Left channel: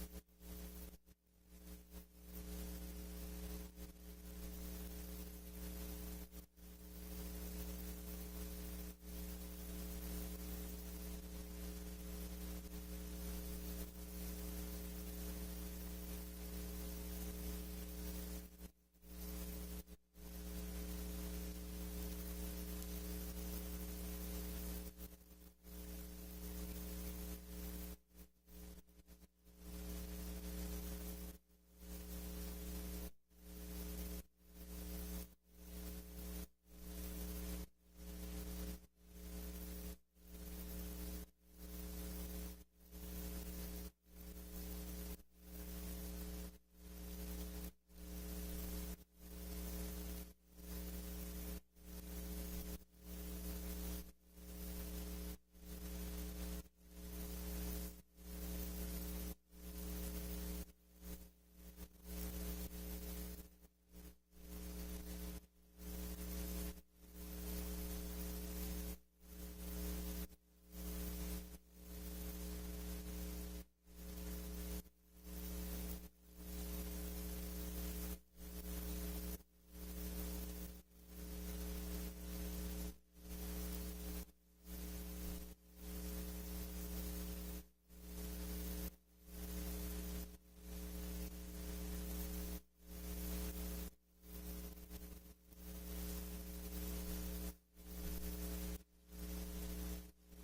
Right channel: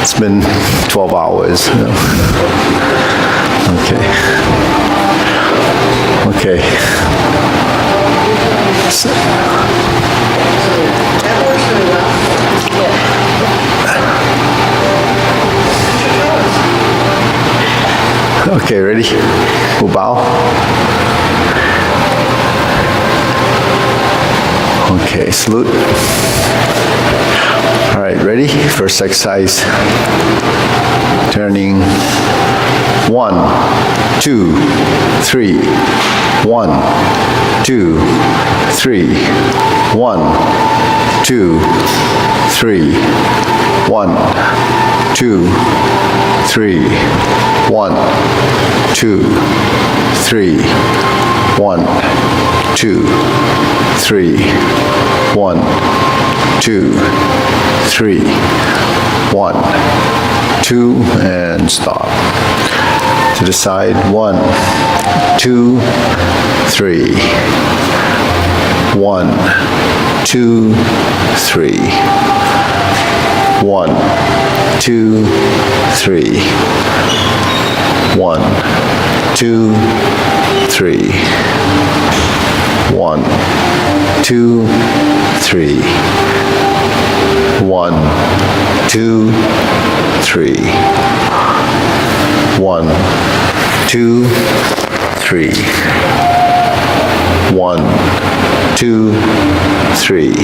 It's been 12 hours. Okay. Okay. Okay, ready? We'll bow. Okay, salute. All right, ready? First exercise. Turning 1, 2, 3. 1, 2, 3. 1, 2, 3. 1, 2, 3. 1, 2, 3. 1, 2, 3. 1, 2, 3. 1, 2, and stop. To the side. 1, 2, 3. 1, 2, 3. 1, 2, 3. 1, 2, 3. 1, 2, 3. 1, 2, 3. 1, 2, 3. 1, 2, 3.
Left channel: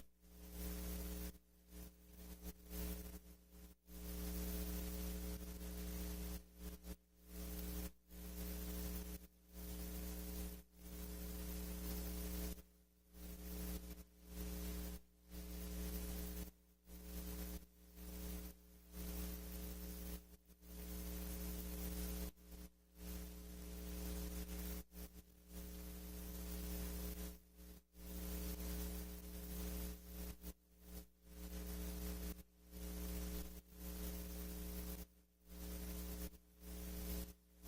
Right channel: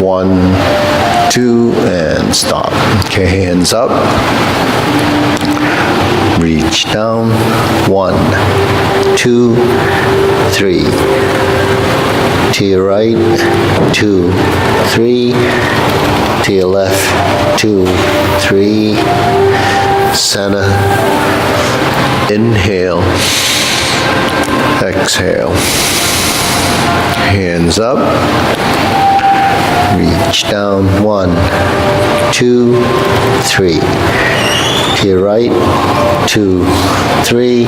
1, 2, and stop. Okay, hands up. Reach down. 1, 2, 3. To your right. 2, 3. To your left. 2, 3. Center. Inhale. Exhale. Hands up. Reach down. 1, 2, 3. To your right. 2, 3.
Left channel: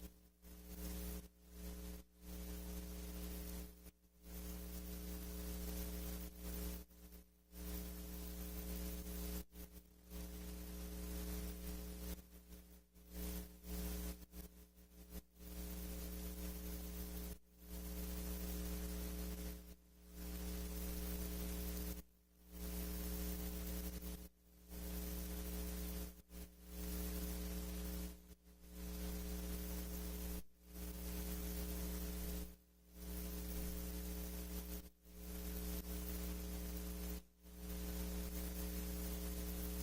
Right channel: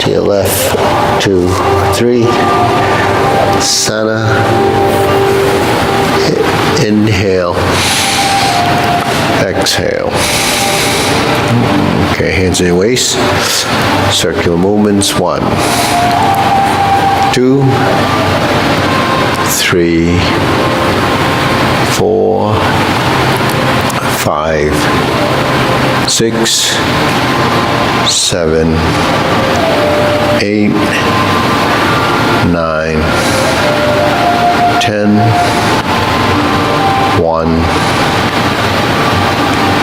To your left. 2, 3. Center. Inhale. Exhale. Okay, hands in your waist. Circular movements. 1, 2, 3, 4, 5, 6, 7, 8, 9, 10, 1,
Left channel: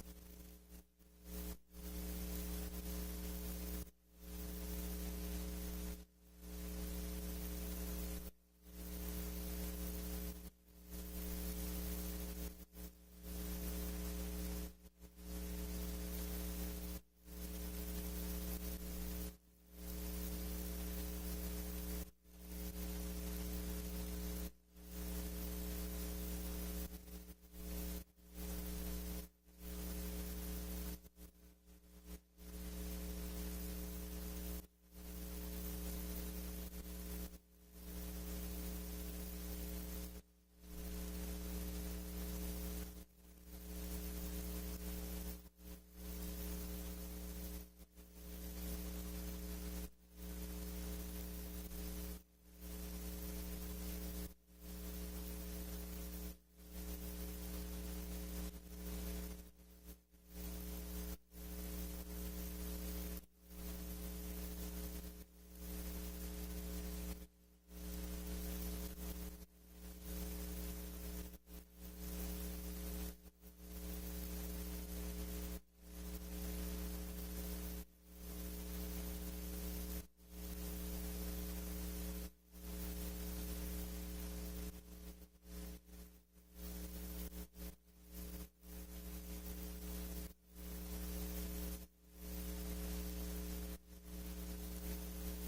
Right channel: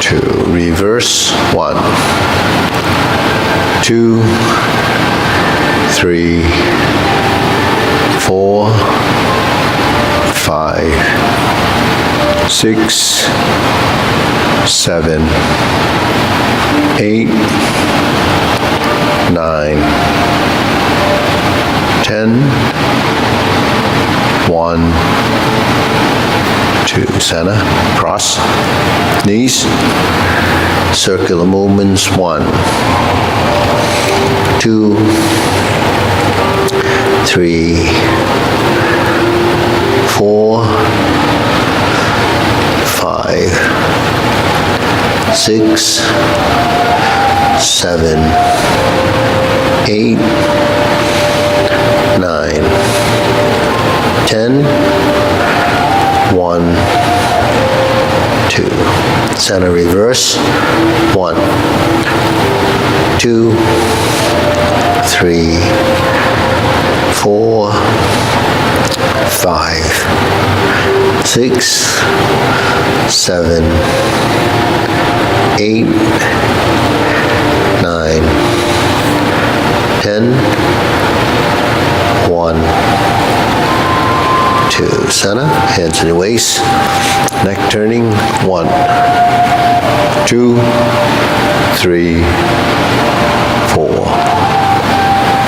2. Reverse. 1, 2, 3, 4, 5, 6, 7, 8, 9, 10, 1, 2. Center. Cross. Knees. Circular movements. 1, 2, 3, 4, 5, 6, 7, 8, 9, 10, 1, 2. Center. Reverse. 1, 2, 3, 4, 5, 6, 7, 8, 9, 10, 1, 2. Center. Hands in your waist. Neck turning. 1, 2, 3, 4,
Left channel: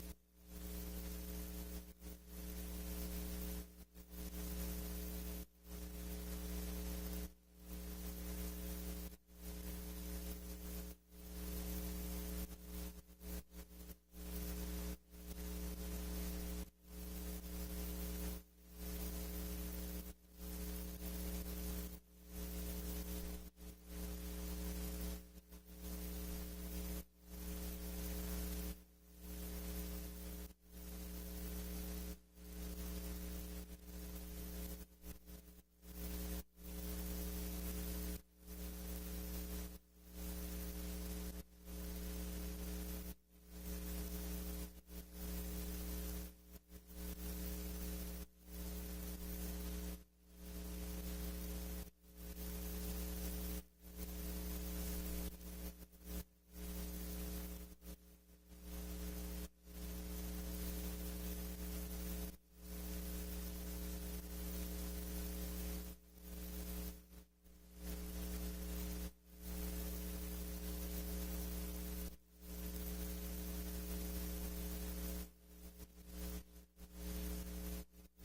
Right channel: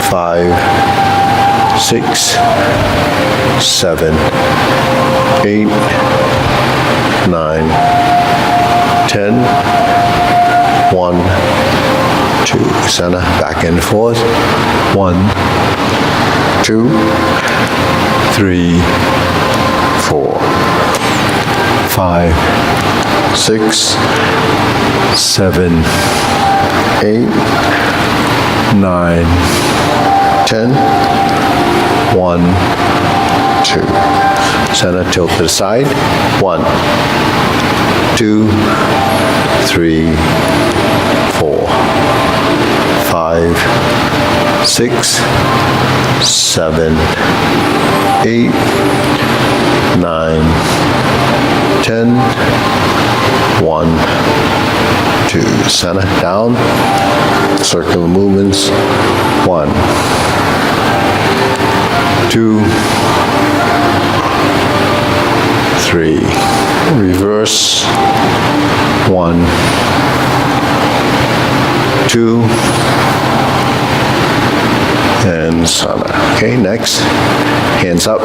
5, 6, 7, 8, 9, 10, 1, 2. Center. Back and forth. 1, 2, 3, 4, 5, 6, 7, 8, 9, 10. 1, 2. Center, tilt to the side. 1, 2, 3, 4, 5, 6, 7, 8, 9, 10. 1, 2. Center, down. Circular movements. 1, 2, 3. Reverse. 1, 2, and center. Okay, next. Hands up.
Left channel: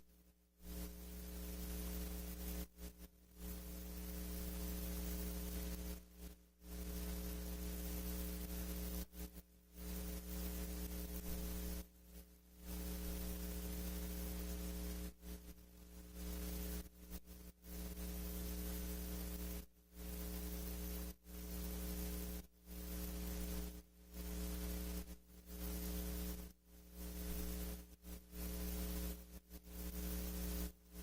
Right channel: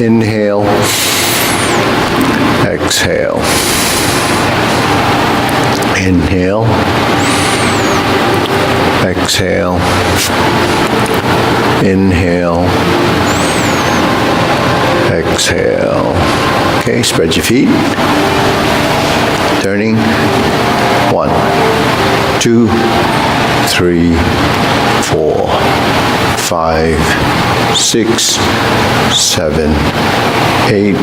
Inhale. Exhale. Inhale. Exhale. Inhale. Exhale. Okay, spread your feet. Turning. 1, 2, 3, 4, 5, 6, 7, 8,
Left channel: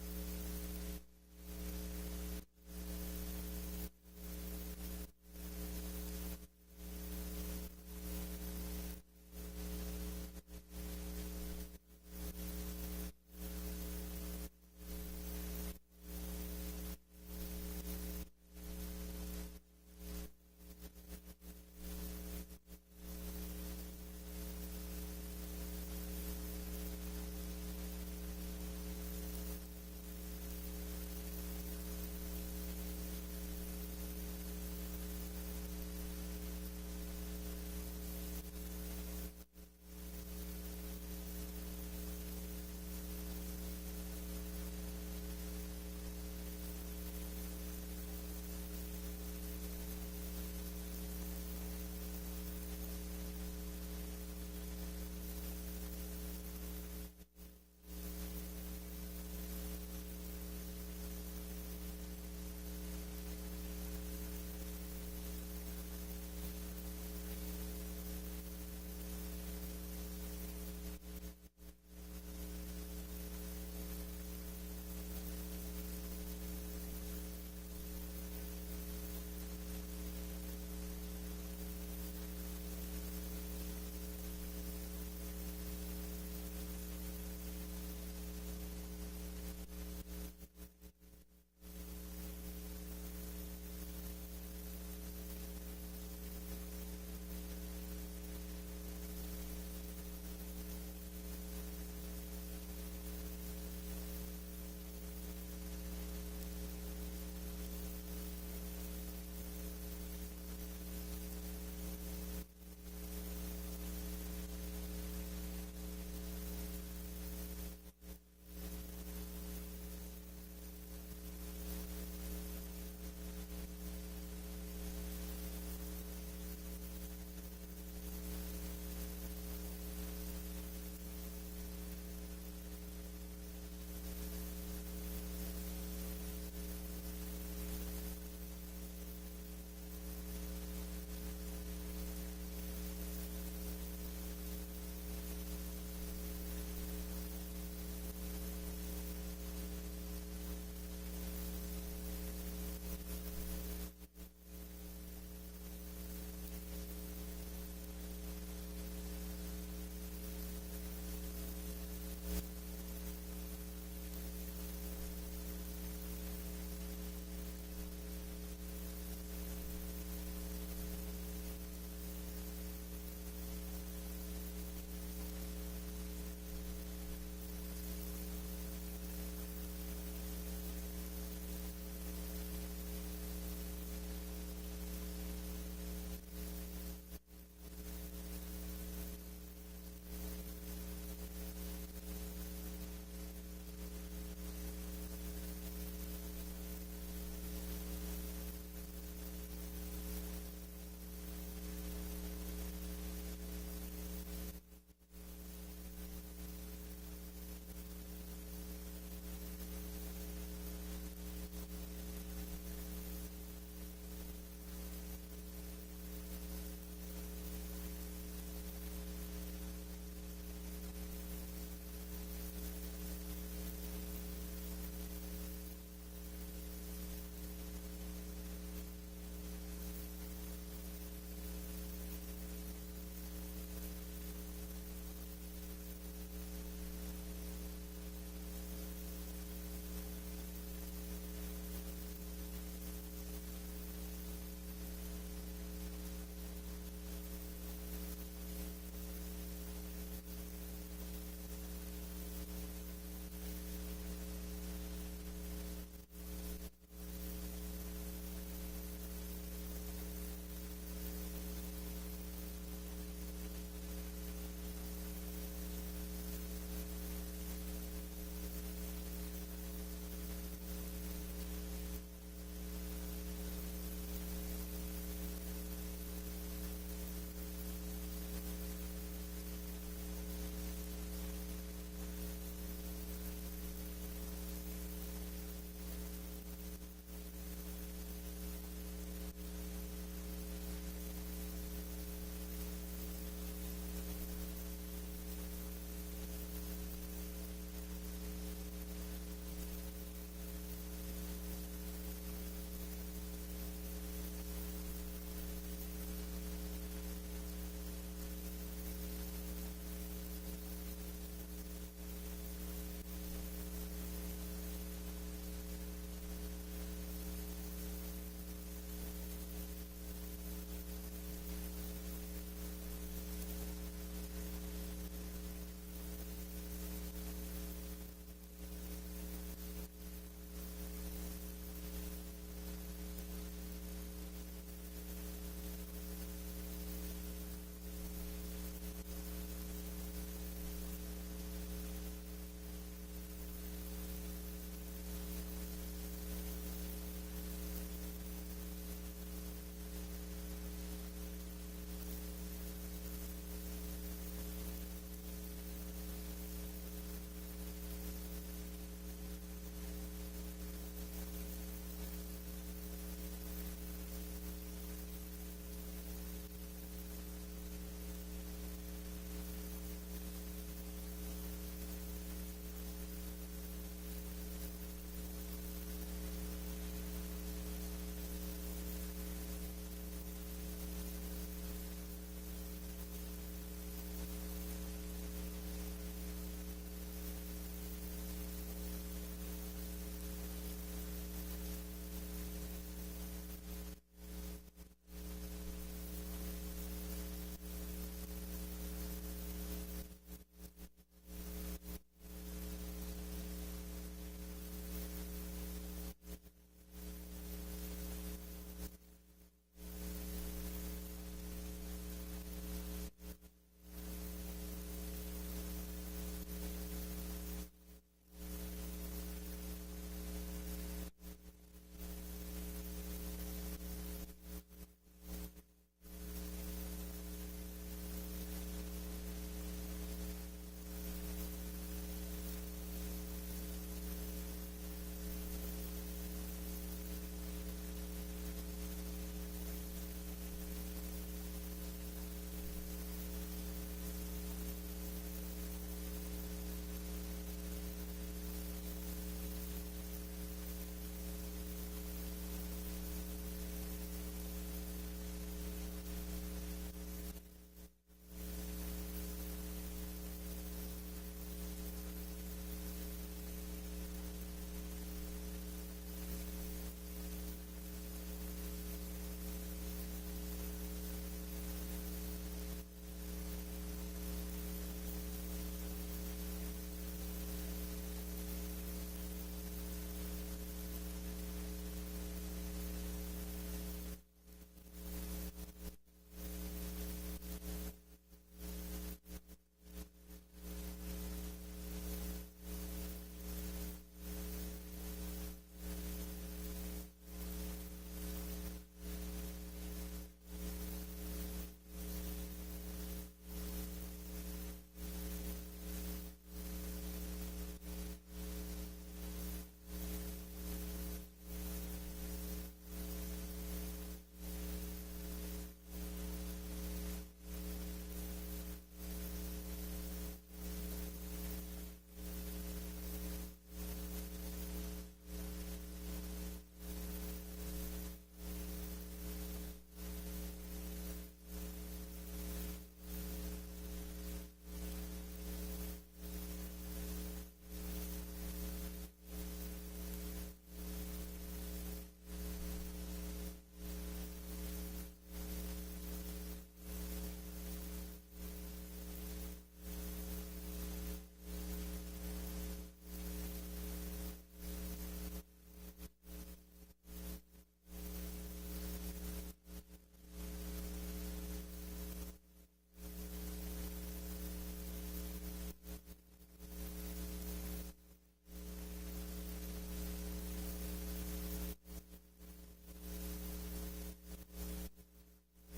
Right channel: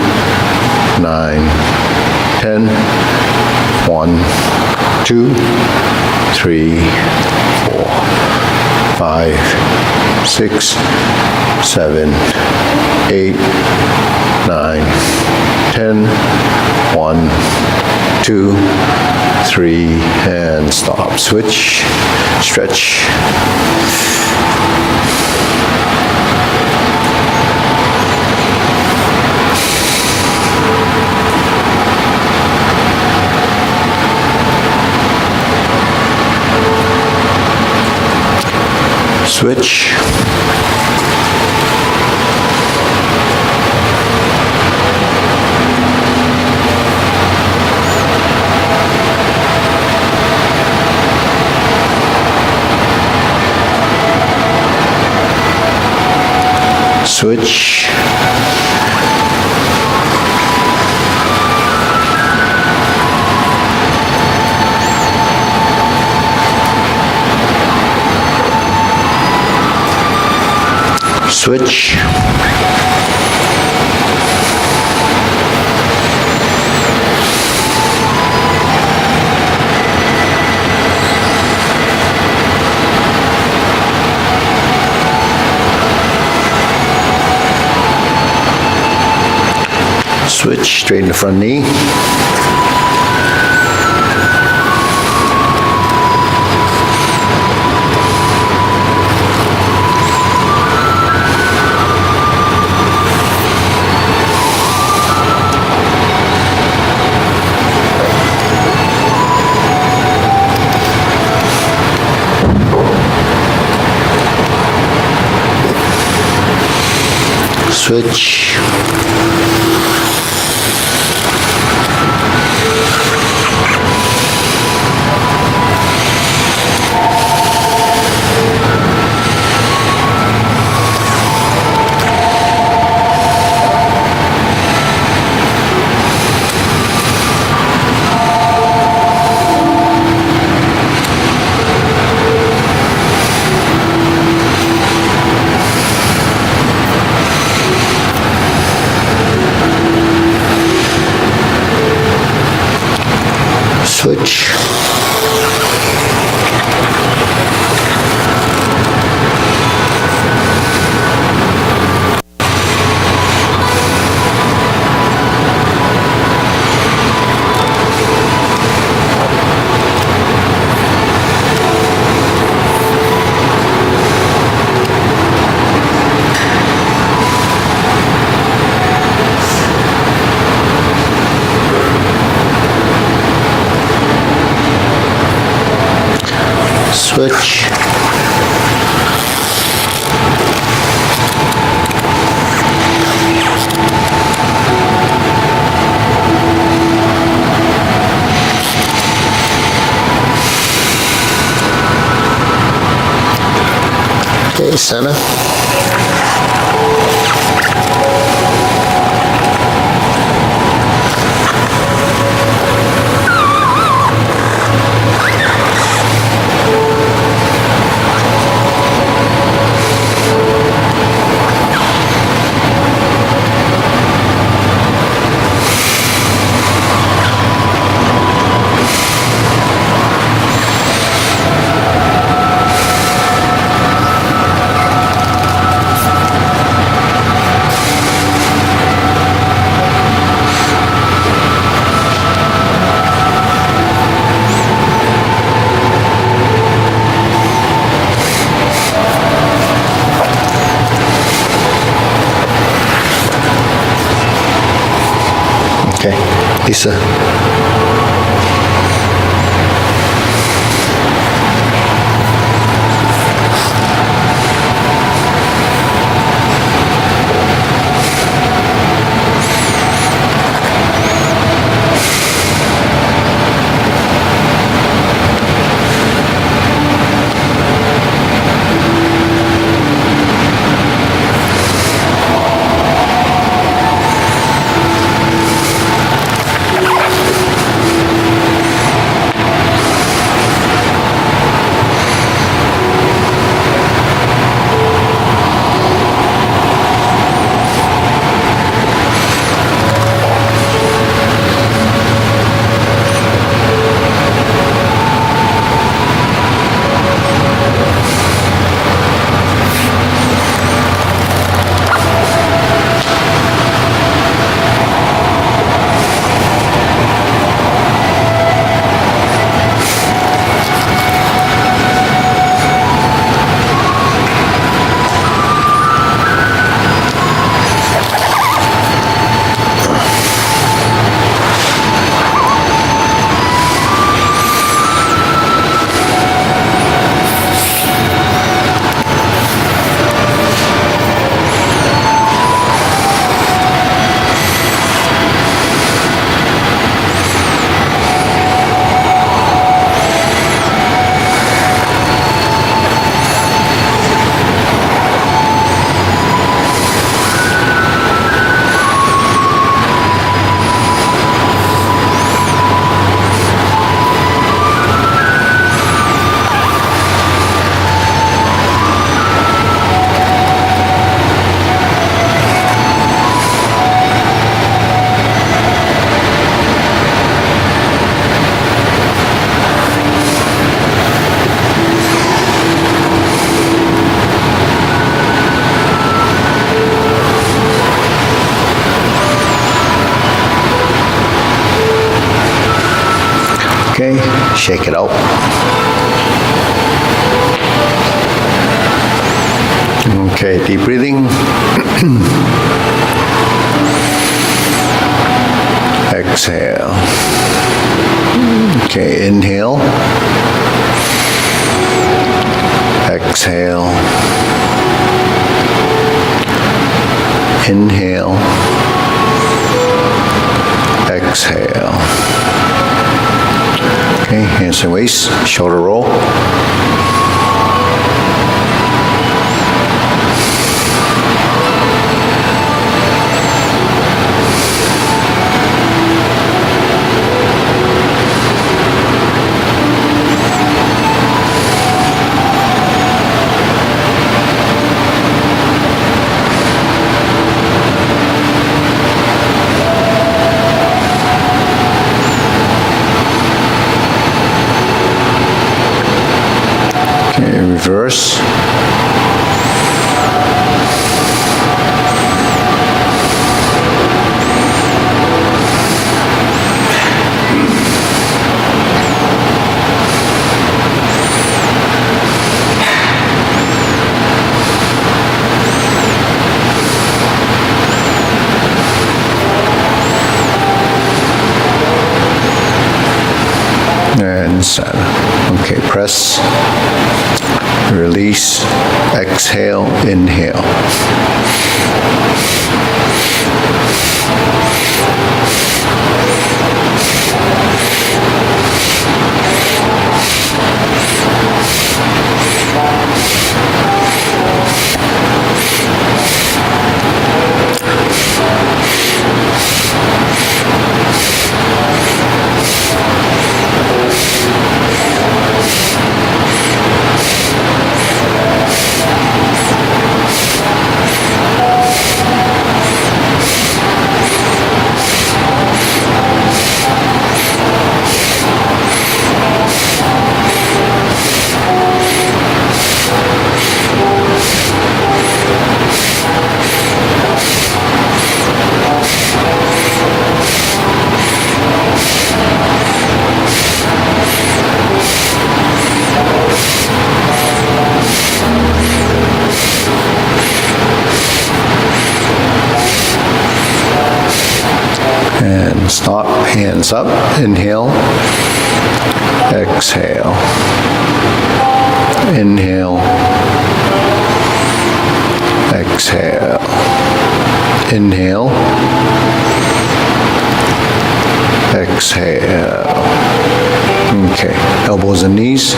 9, 10. 1, 2, 3, 4, 5, 6, 7, 8, 9, 10. 1, 2, 3, and stop. Switch, stretch. Switch. Switch. Switch. Switch, straighten the front knee. Switch. Switch. Switch. Okay, center. Okay, Lisa. Okay, shake it out. Okay, deep breathing. Exhale. Okay, inhale. Exhale. Inhale. Exhale. Okay, hands and waist, shoulder roll. Reverse. And center. Okay, press. Release, exhale, inhale. and stop. Hands up. Inhale. Exhale. Inhale. Exhale. Inhale. Exhale. Okay. Elbows and knees.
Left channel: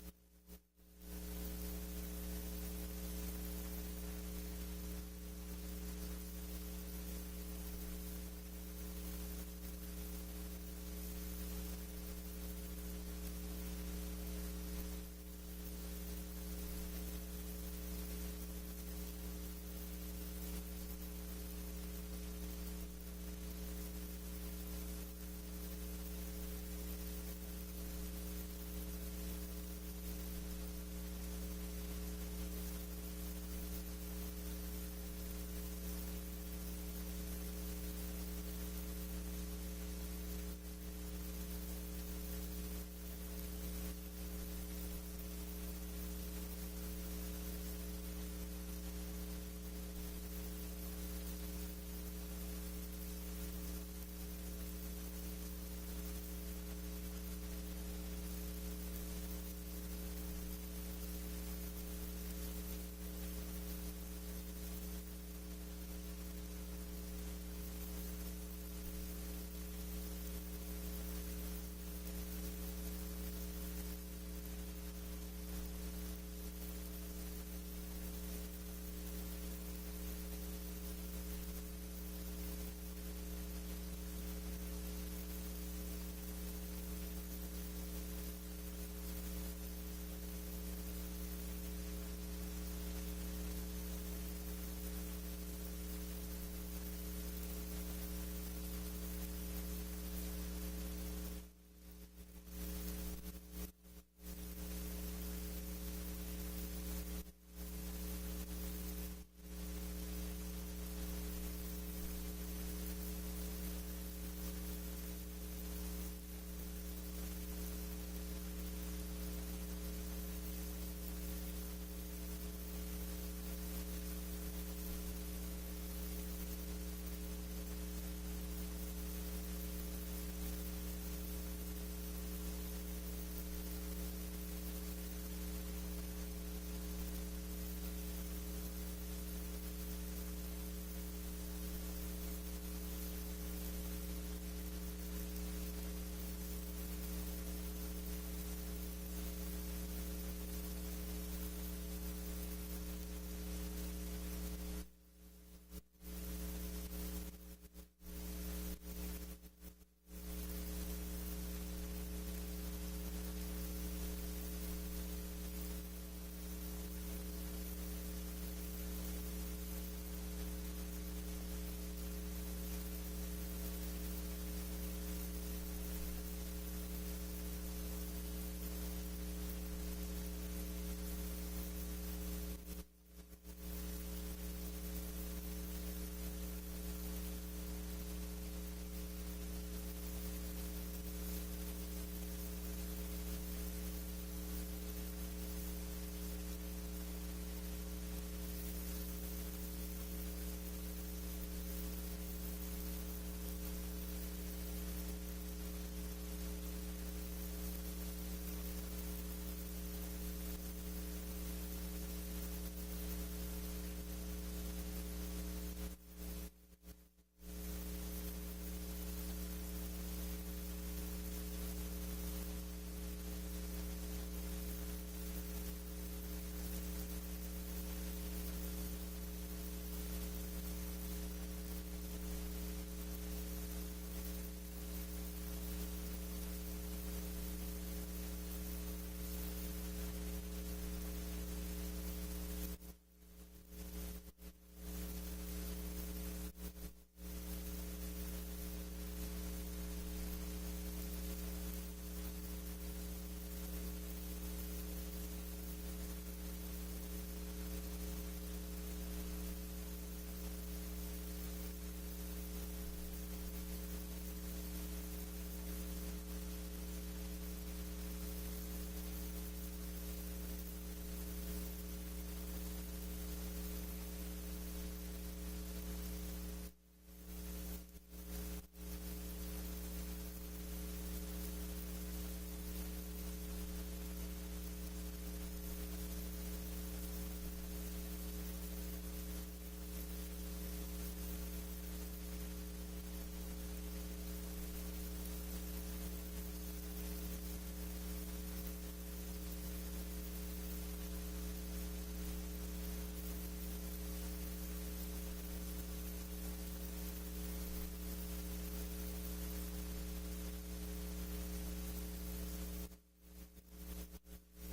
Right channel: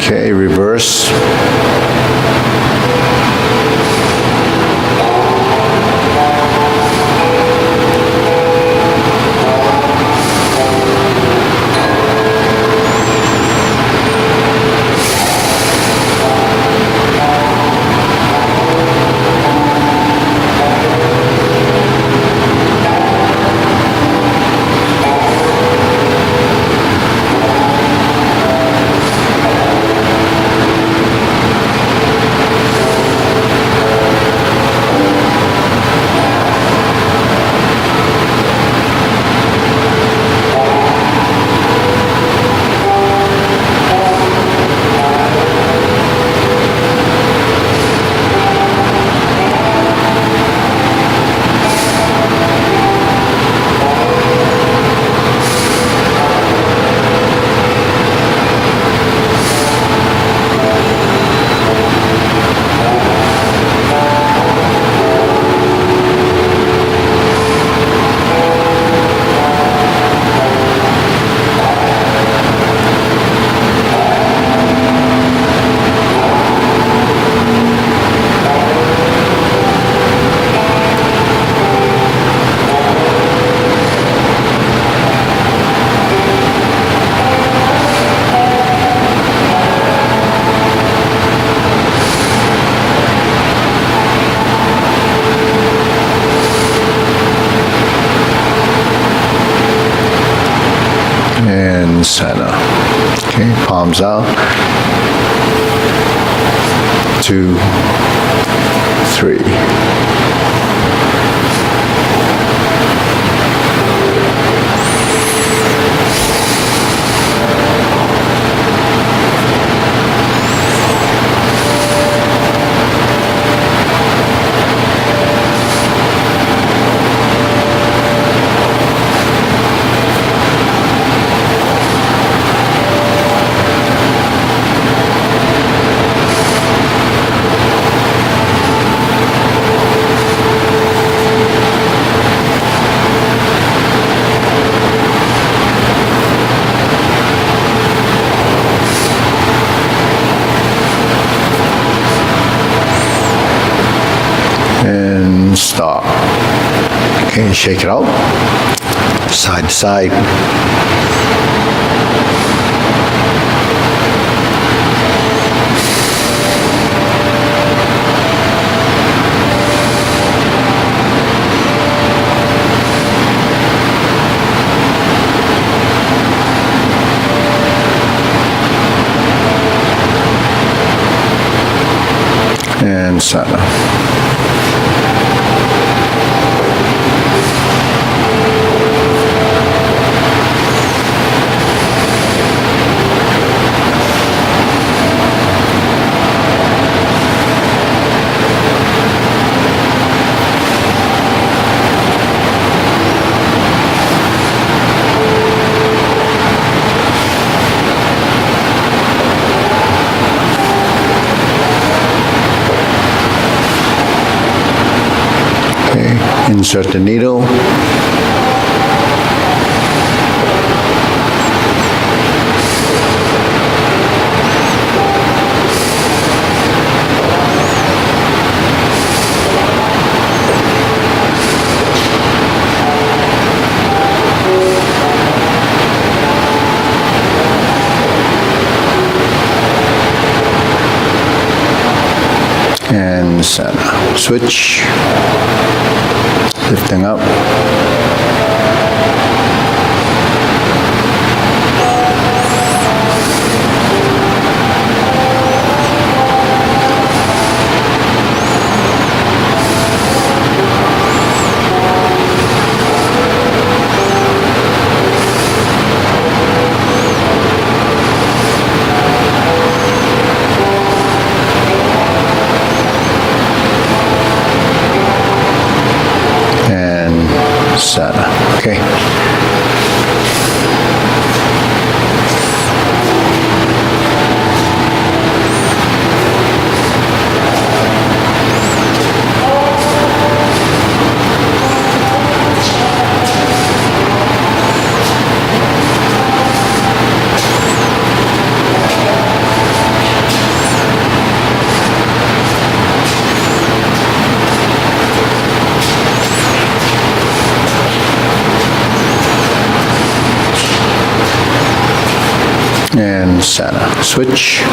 Okay, reverse. And center. Okay, palms out. 2, 3. And stop. Okay, shake it out. Side to side. And center. Insert the needle. center. Switch. Lifting up. Center. Okay. And center. Switch.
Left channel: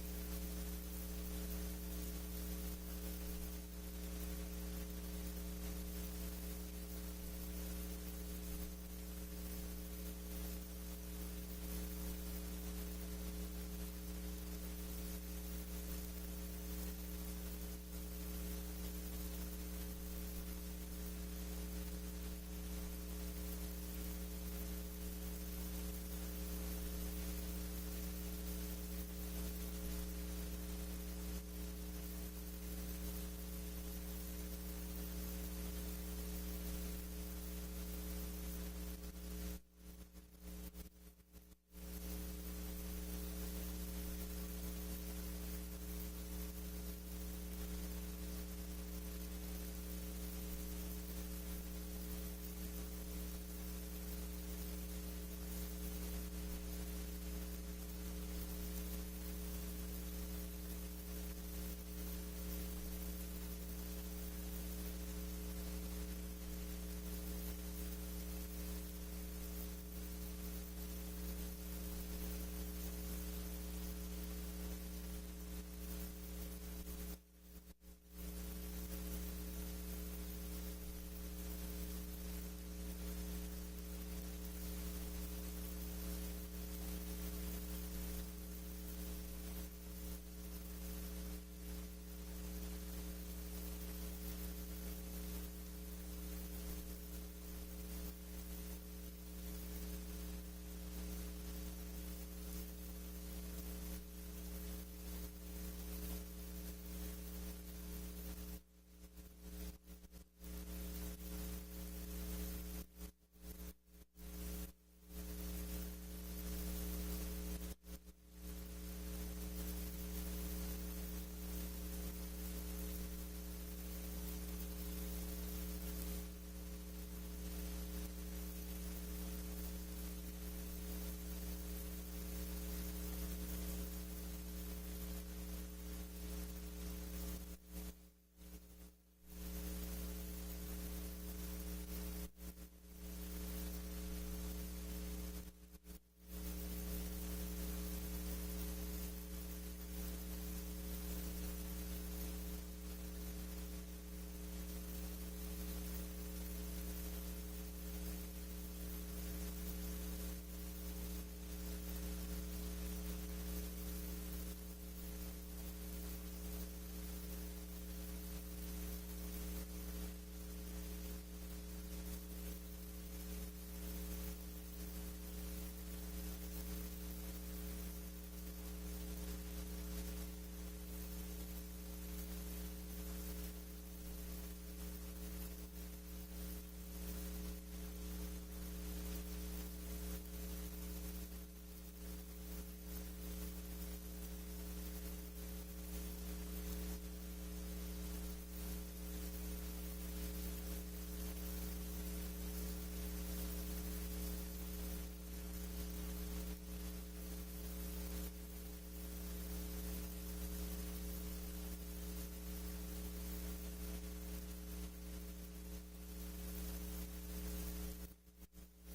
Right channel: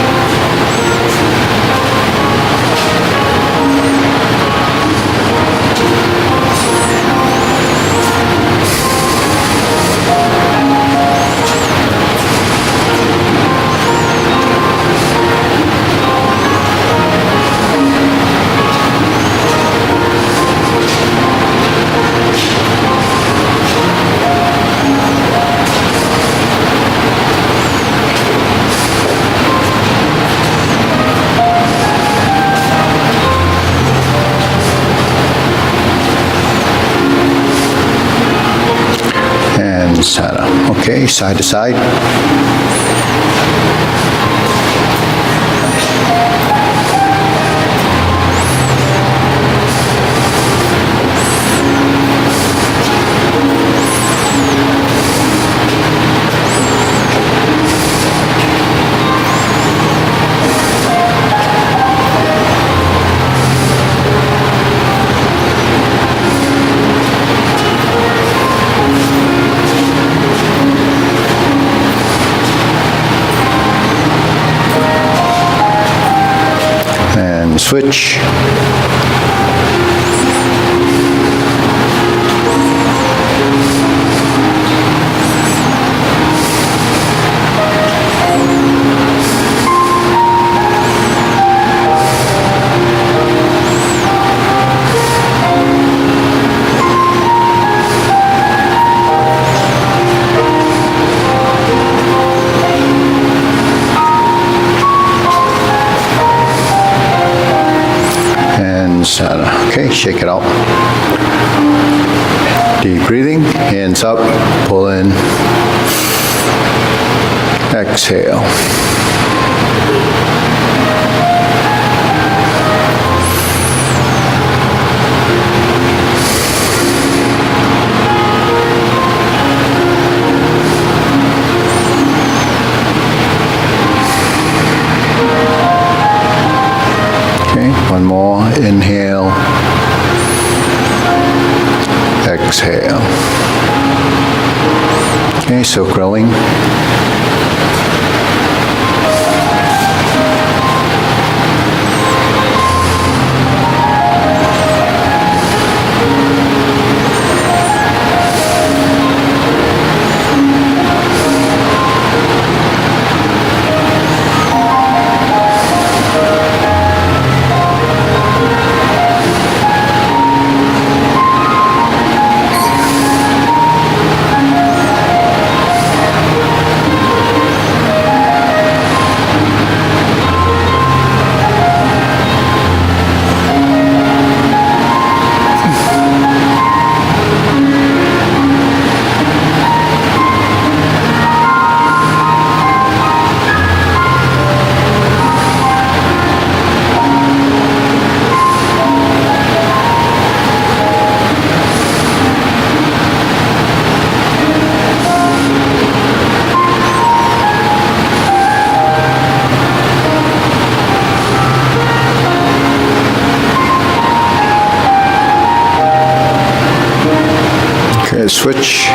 Center. Okay, side to side. Switch. Center. Okay, shake it out. Deep breathing, hands up, pull in, exhale. One more, inhale, exhale. Okay, so growing. Switch.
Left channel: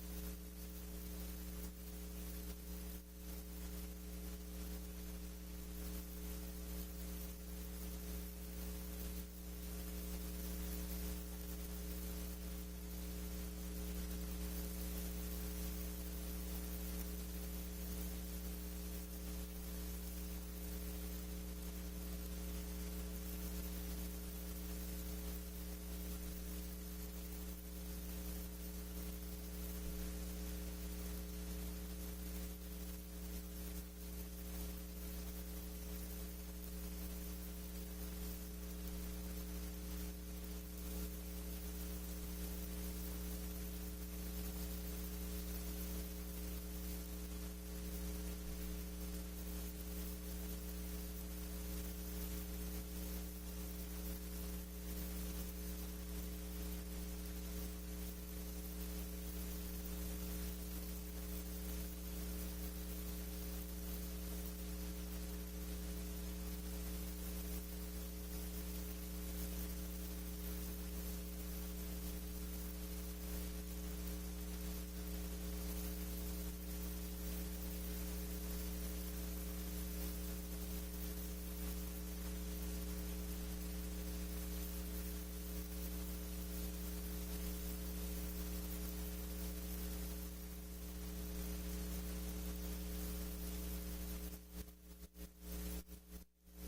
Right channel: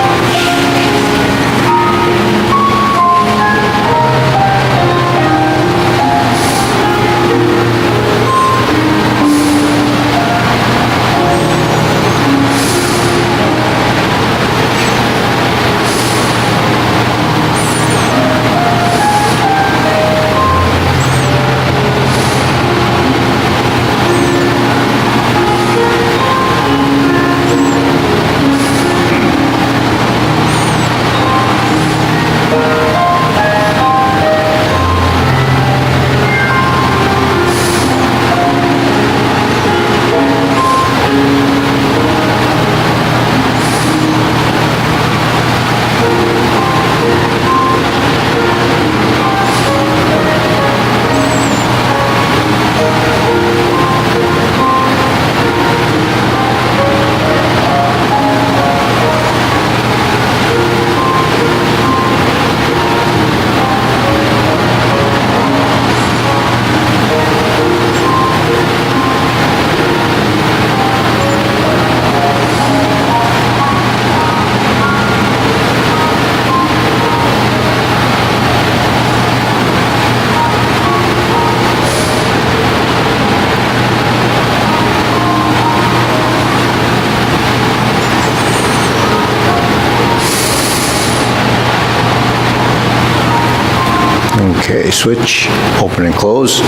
Okay, switch, open and close.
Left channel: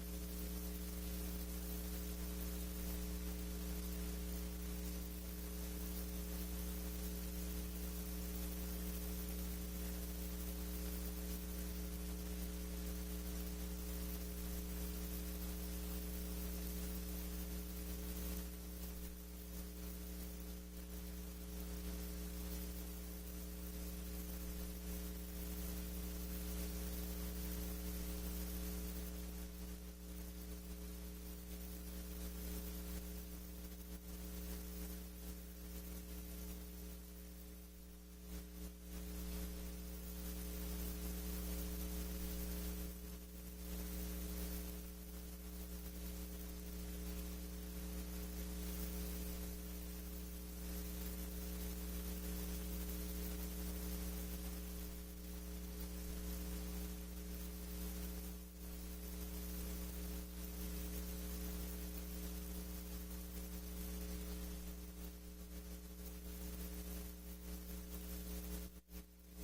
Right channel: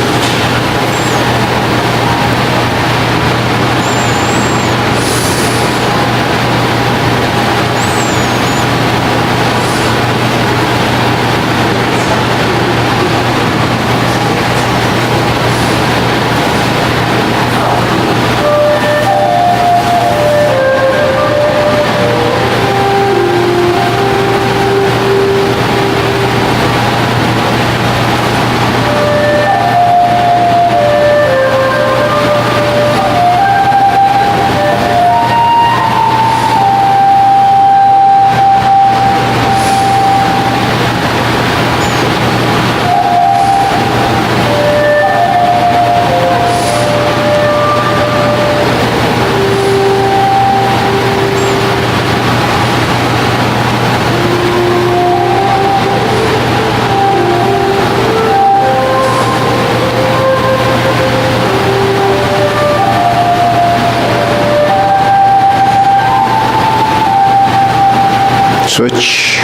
Switch.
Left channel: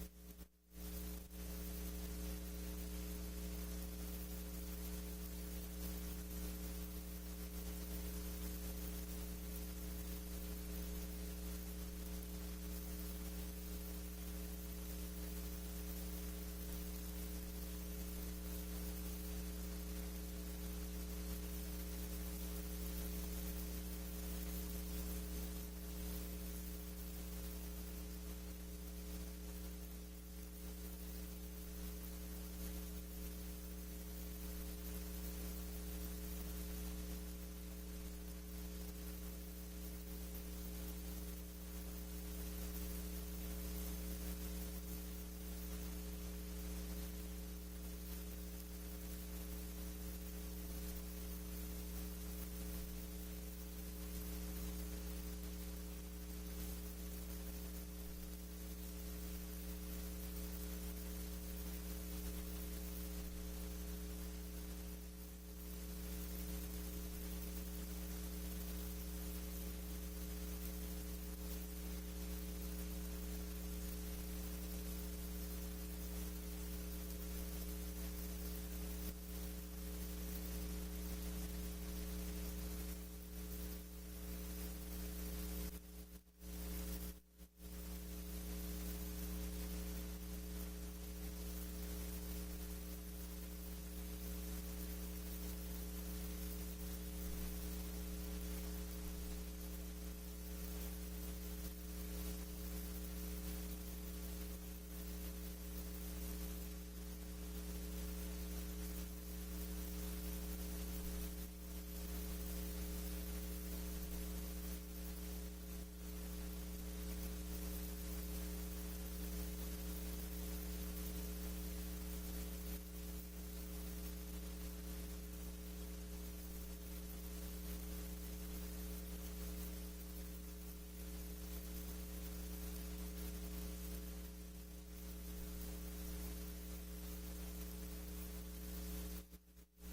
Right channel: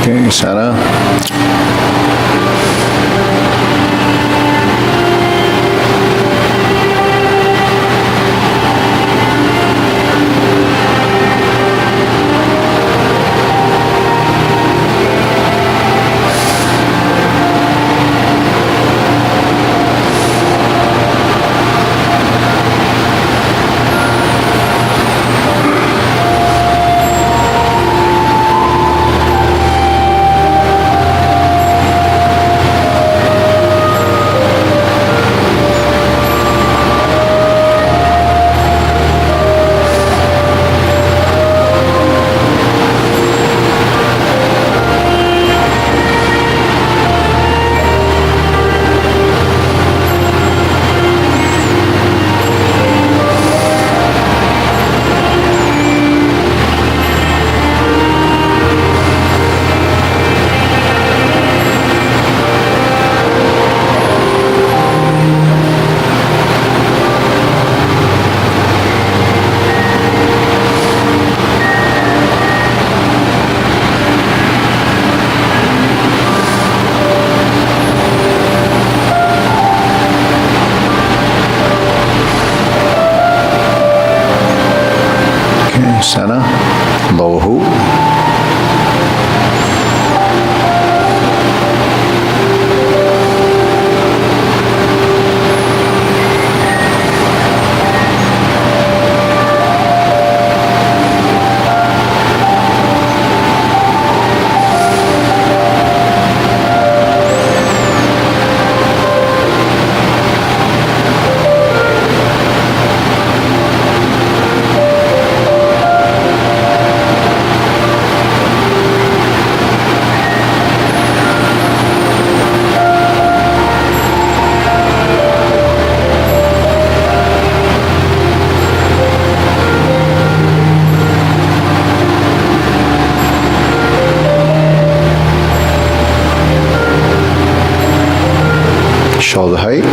Okay, center. Center, lower hoop. Shoulder height.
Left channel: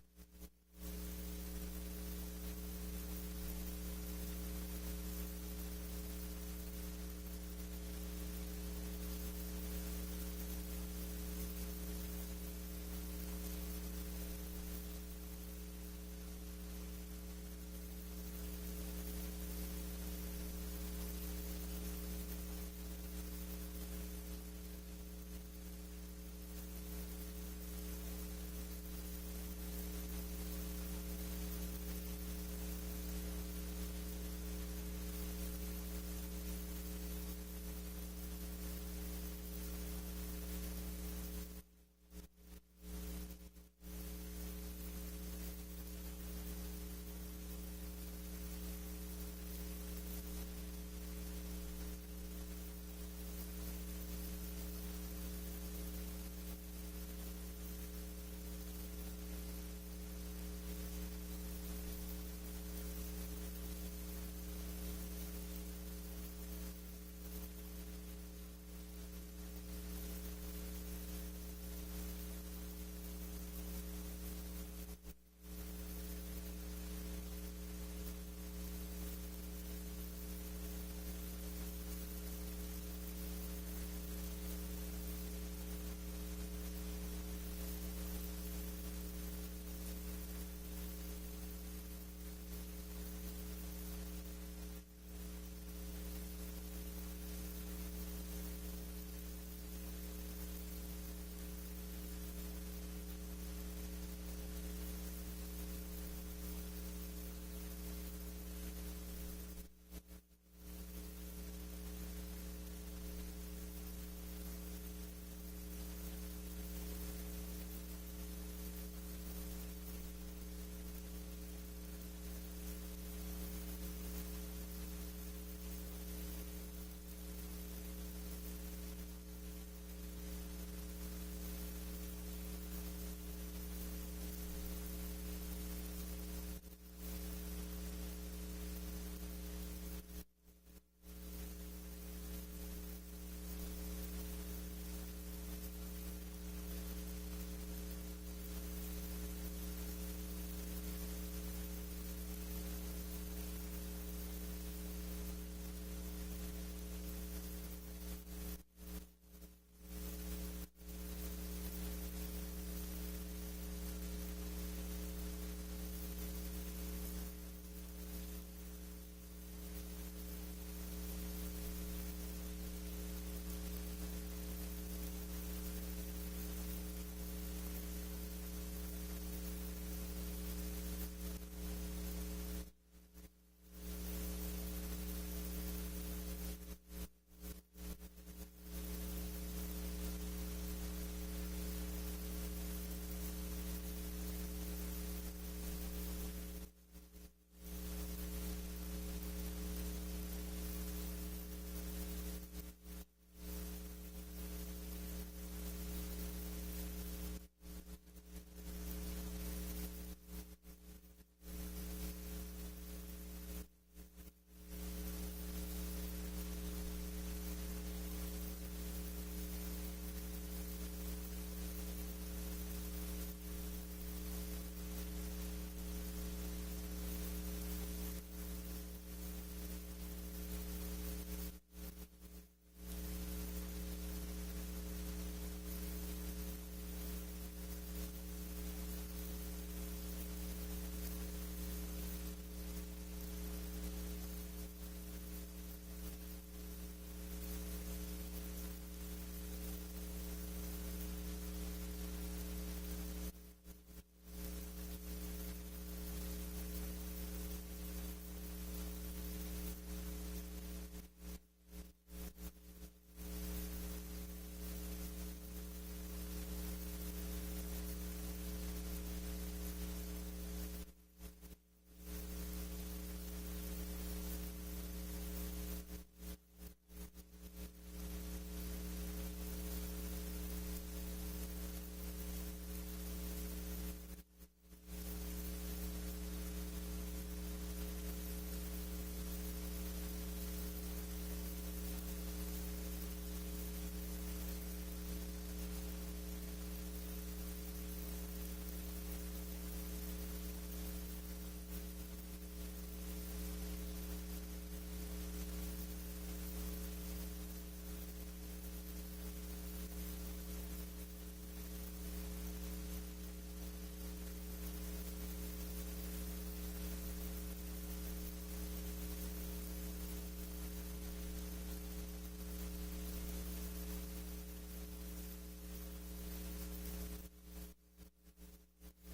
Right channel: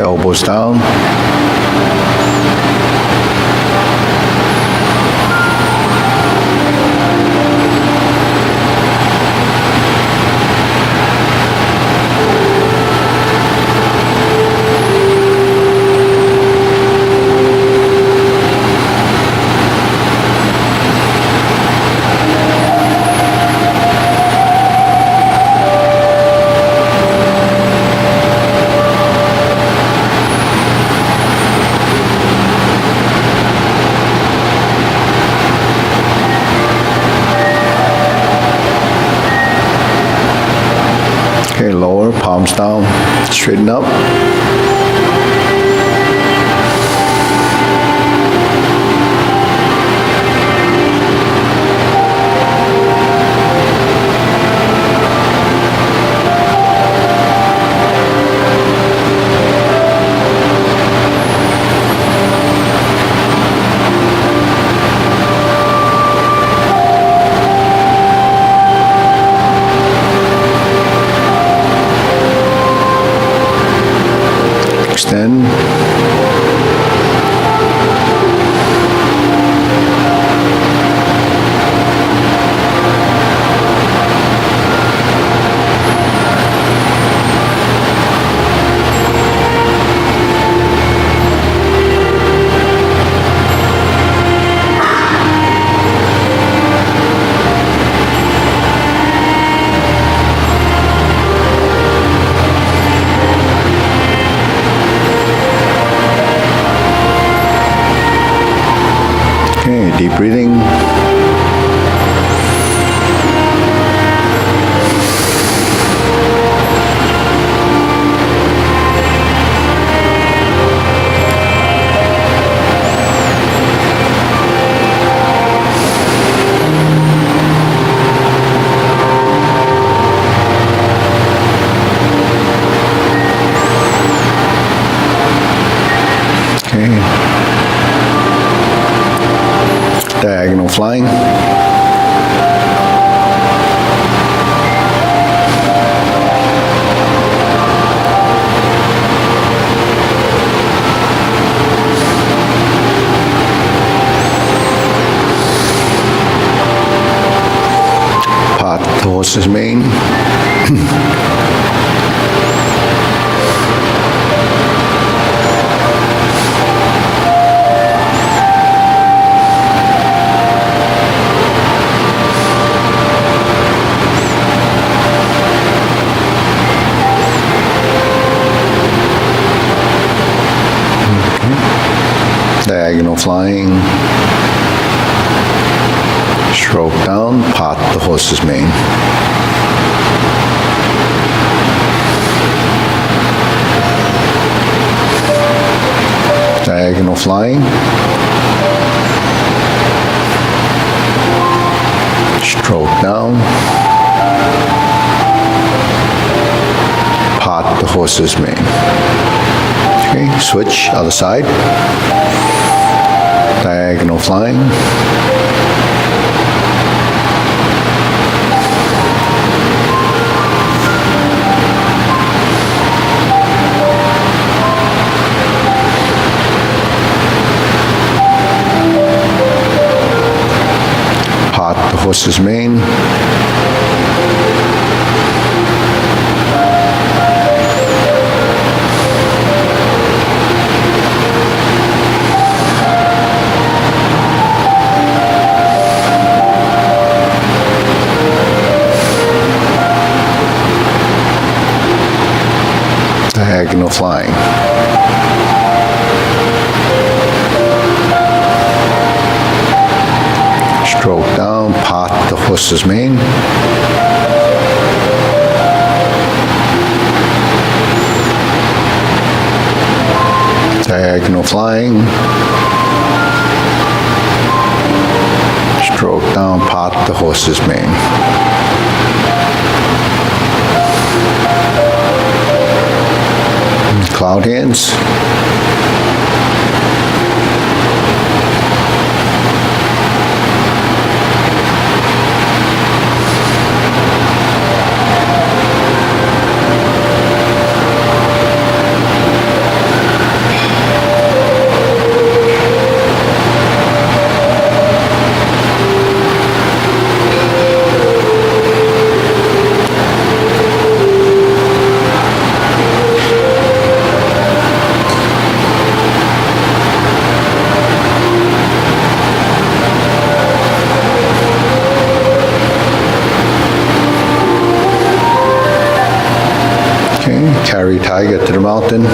Elbows down. more. Palms down, straighten up. Extend. Okay, deep breathing. Okay. Diagonal flying. Part the horse's mane. Diagonal flying. Stroke down, part the horse's mane. Diagonal flying. Stroke down. Part the horse's mane. Okay, switch, other side. Diagonal flying. Part the horse's mane. Diagonal flying. Stroke down, part the horse's mane. Diagonal flying. Stroke down, part the horse's mane. Cloud hands. Carry tiger to the mountain.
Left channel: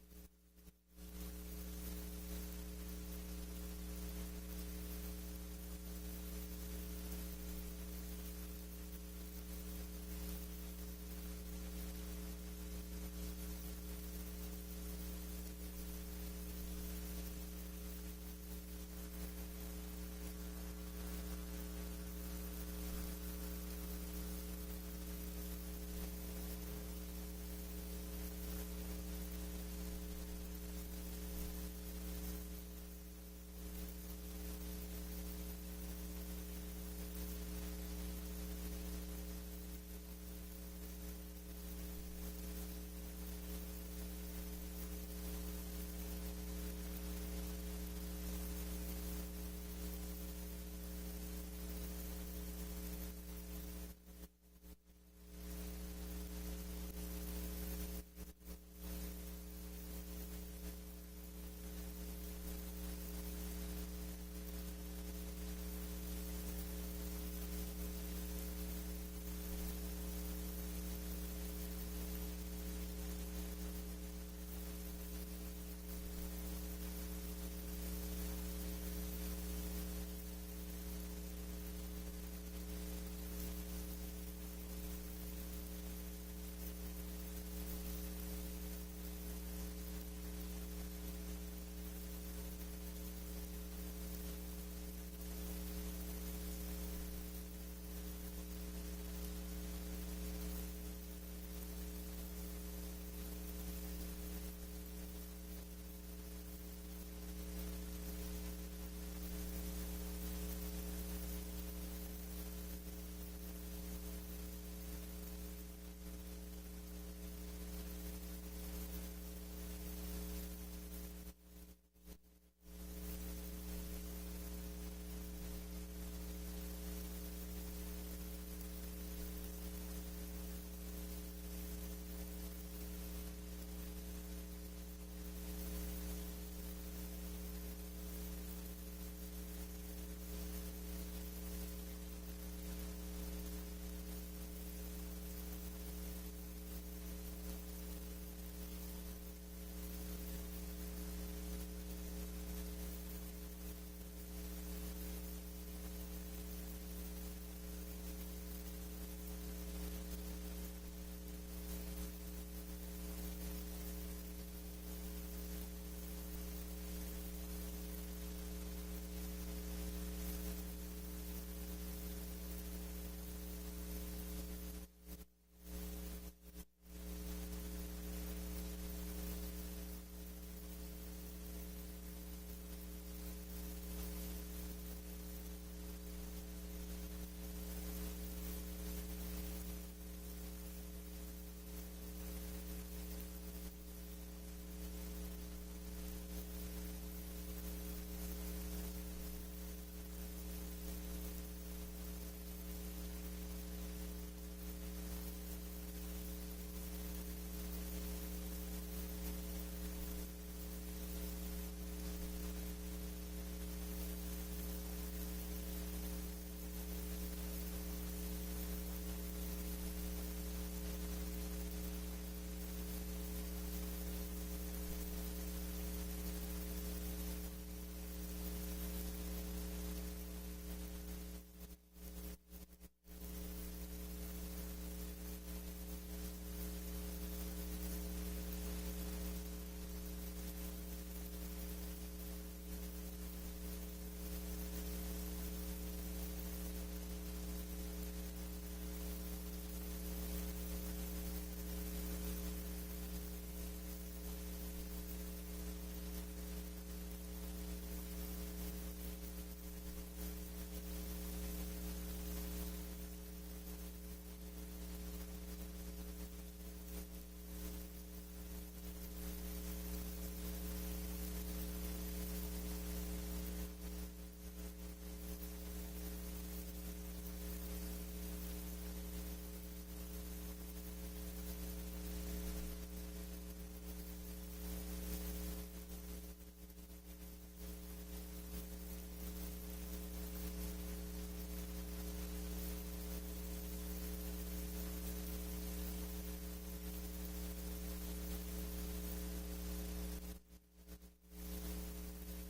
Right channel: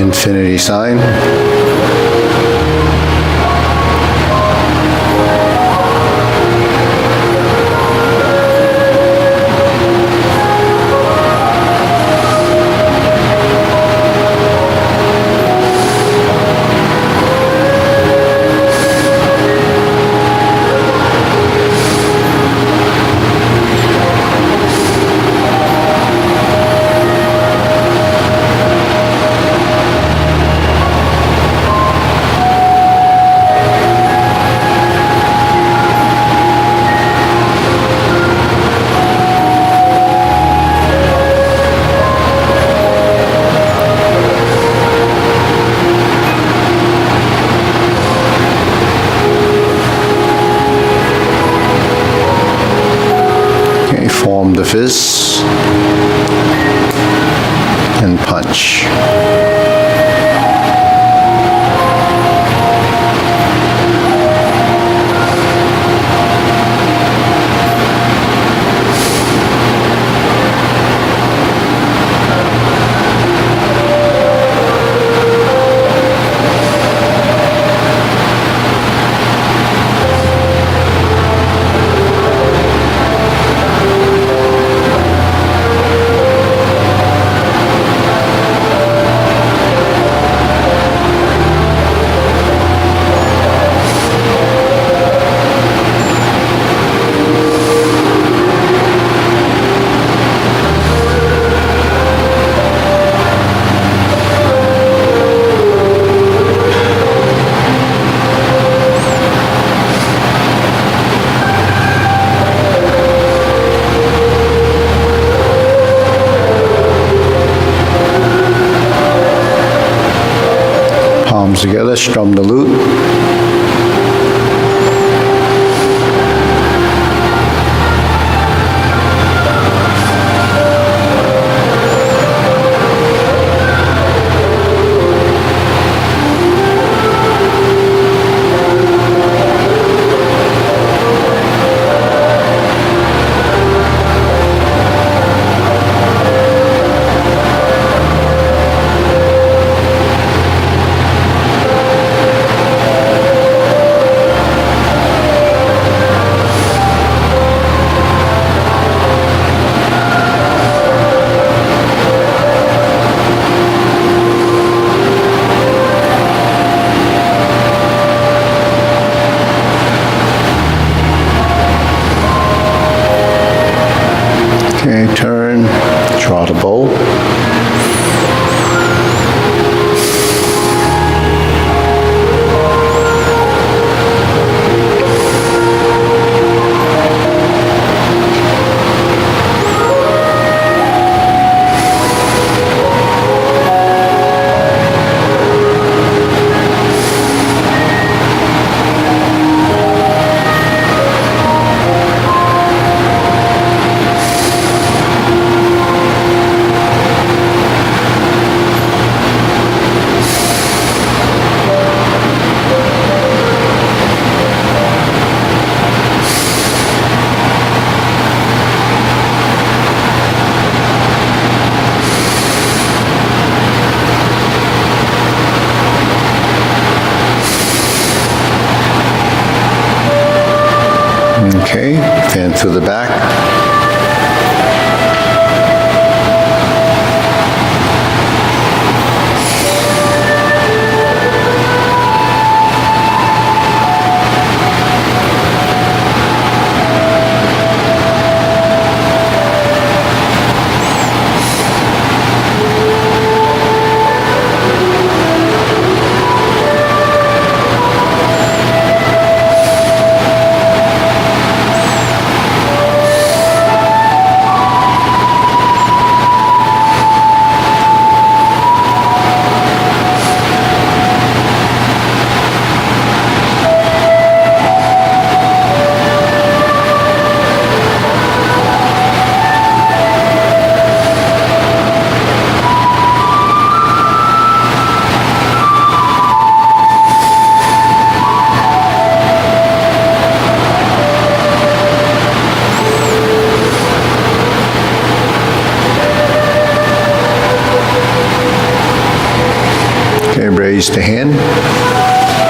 infinity sign. Form the fist and punch. Palms together, strum the lute. Okay, turn, draw the bow. Okay, fan through the back. Release the hand.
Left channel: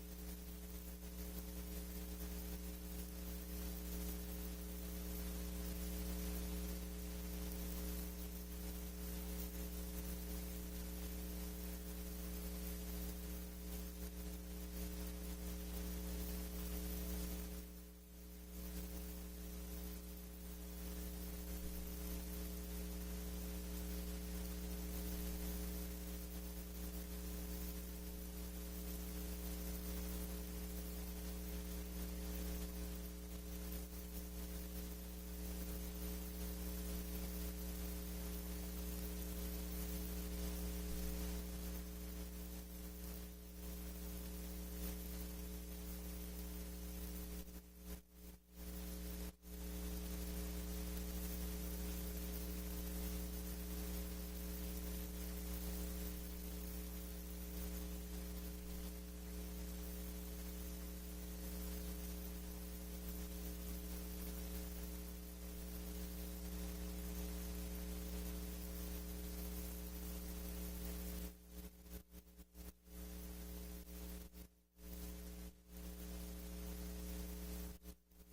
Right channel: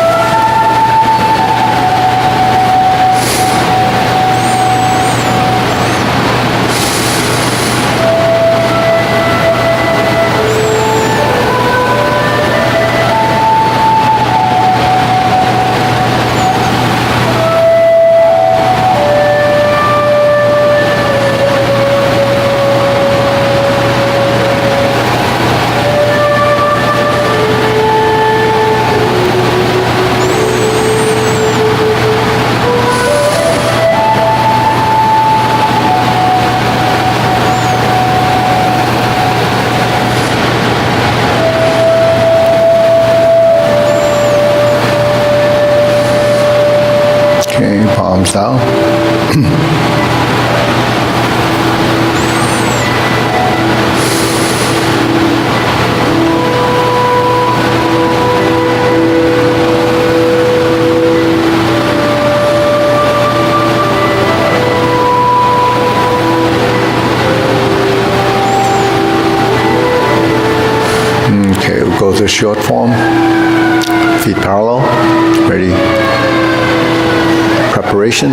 Okay, palms down. Okay, we'll go to short form. Feet parallel. Ready? Preparation.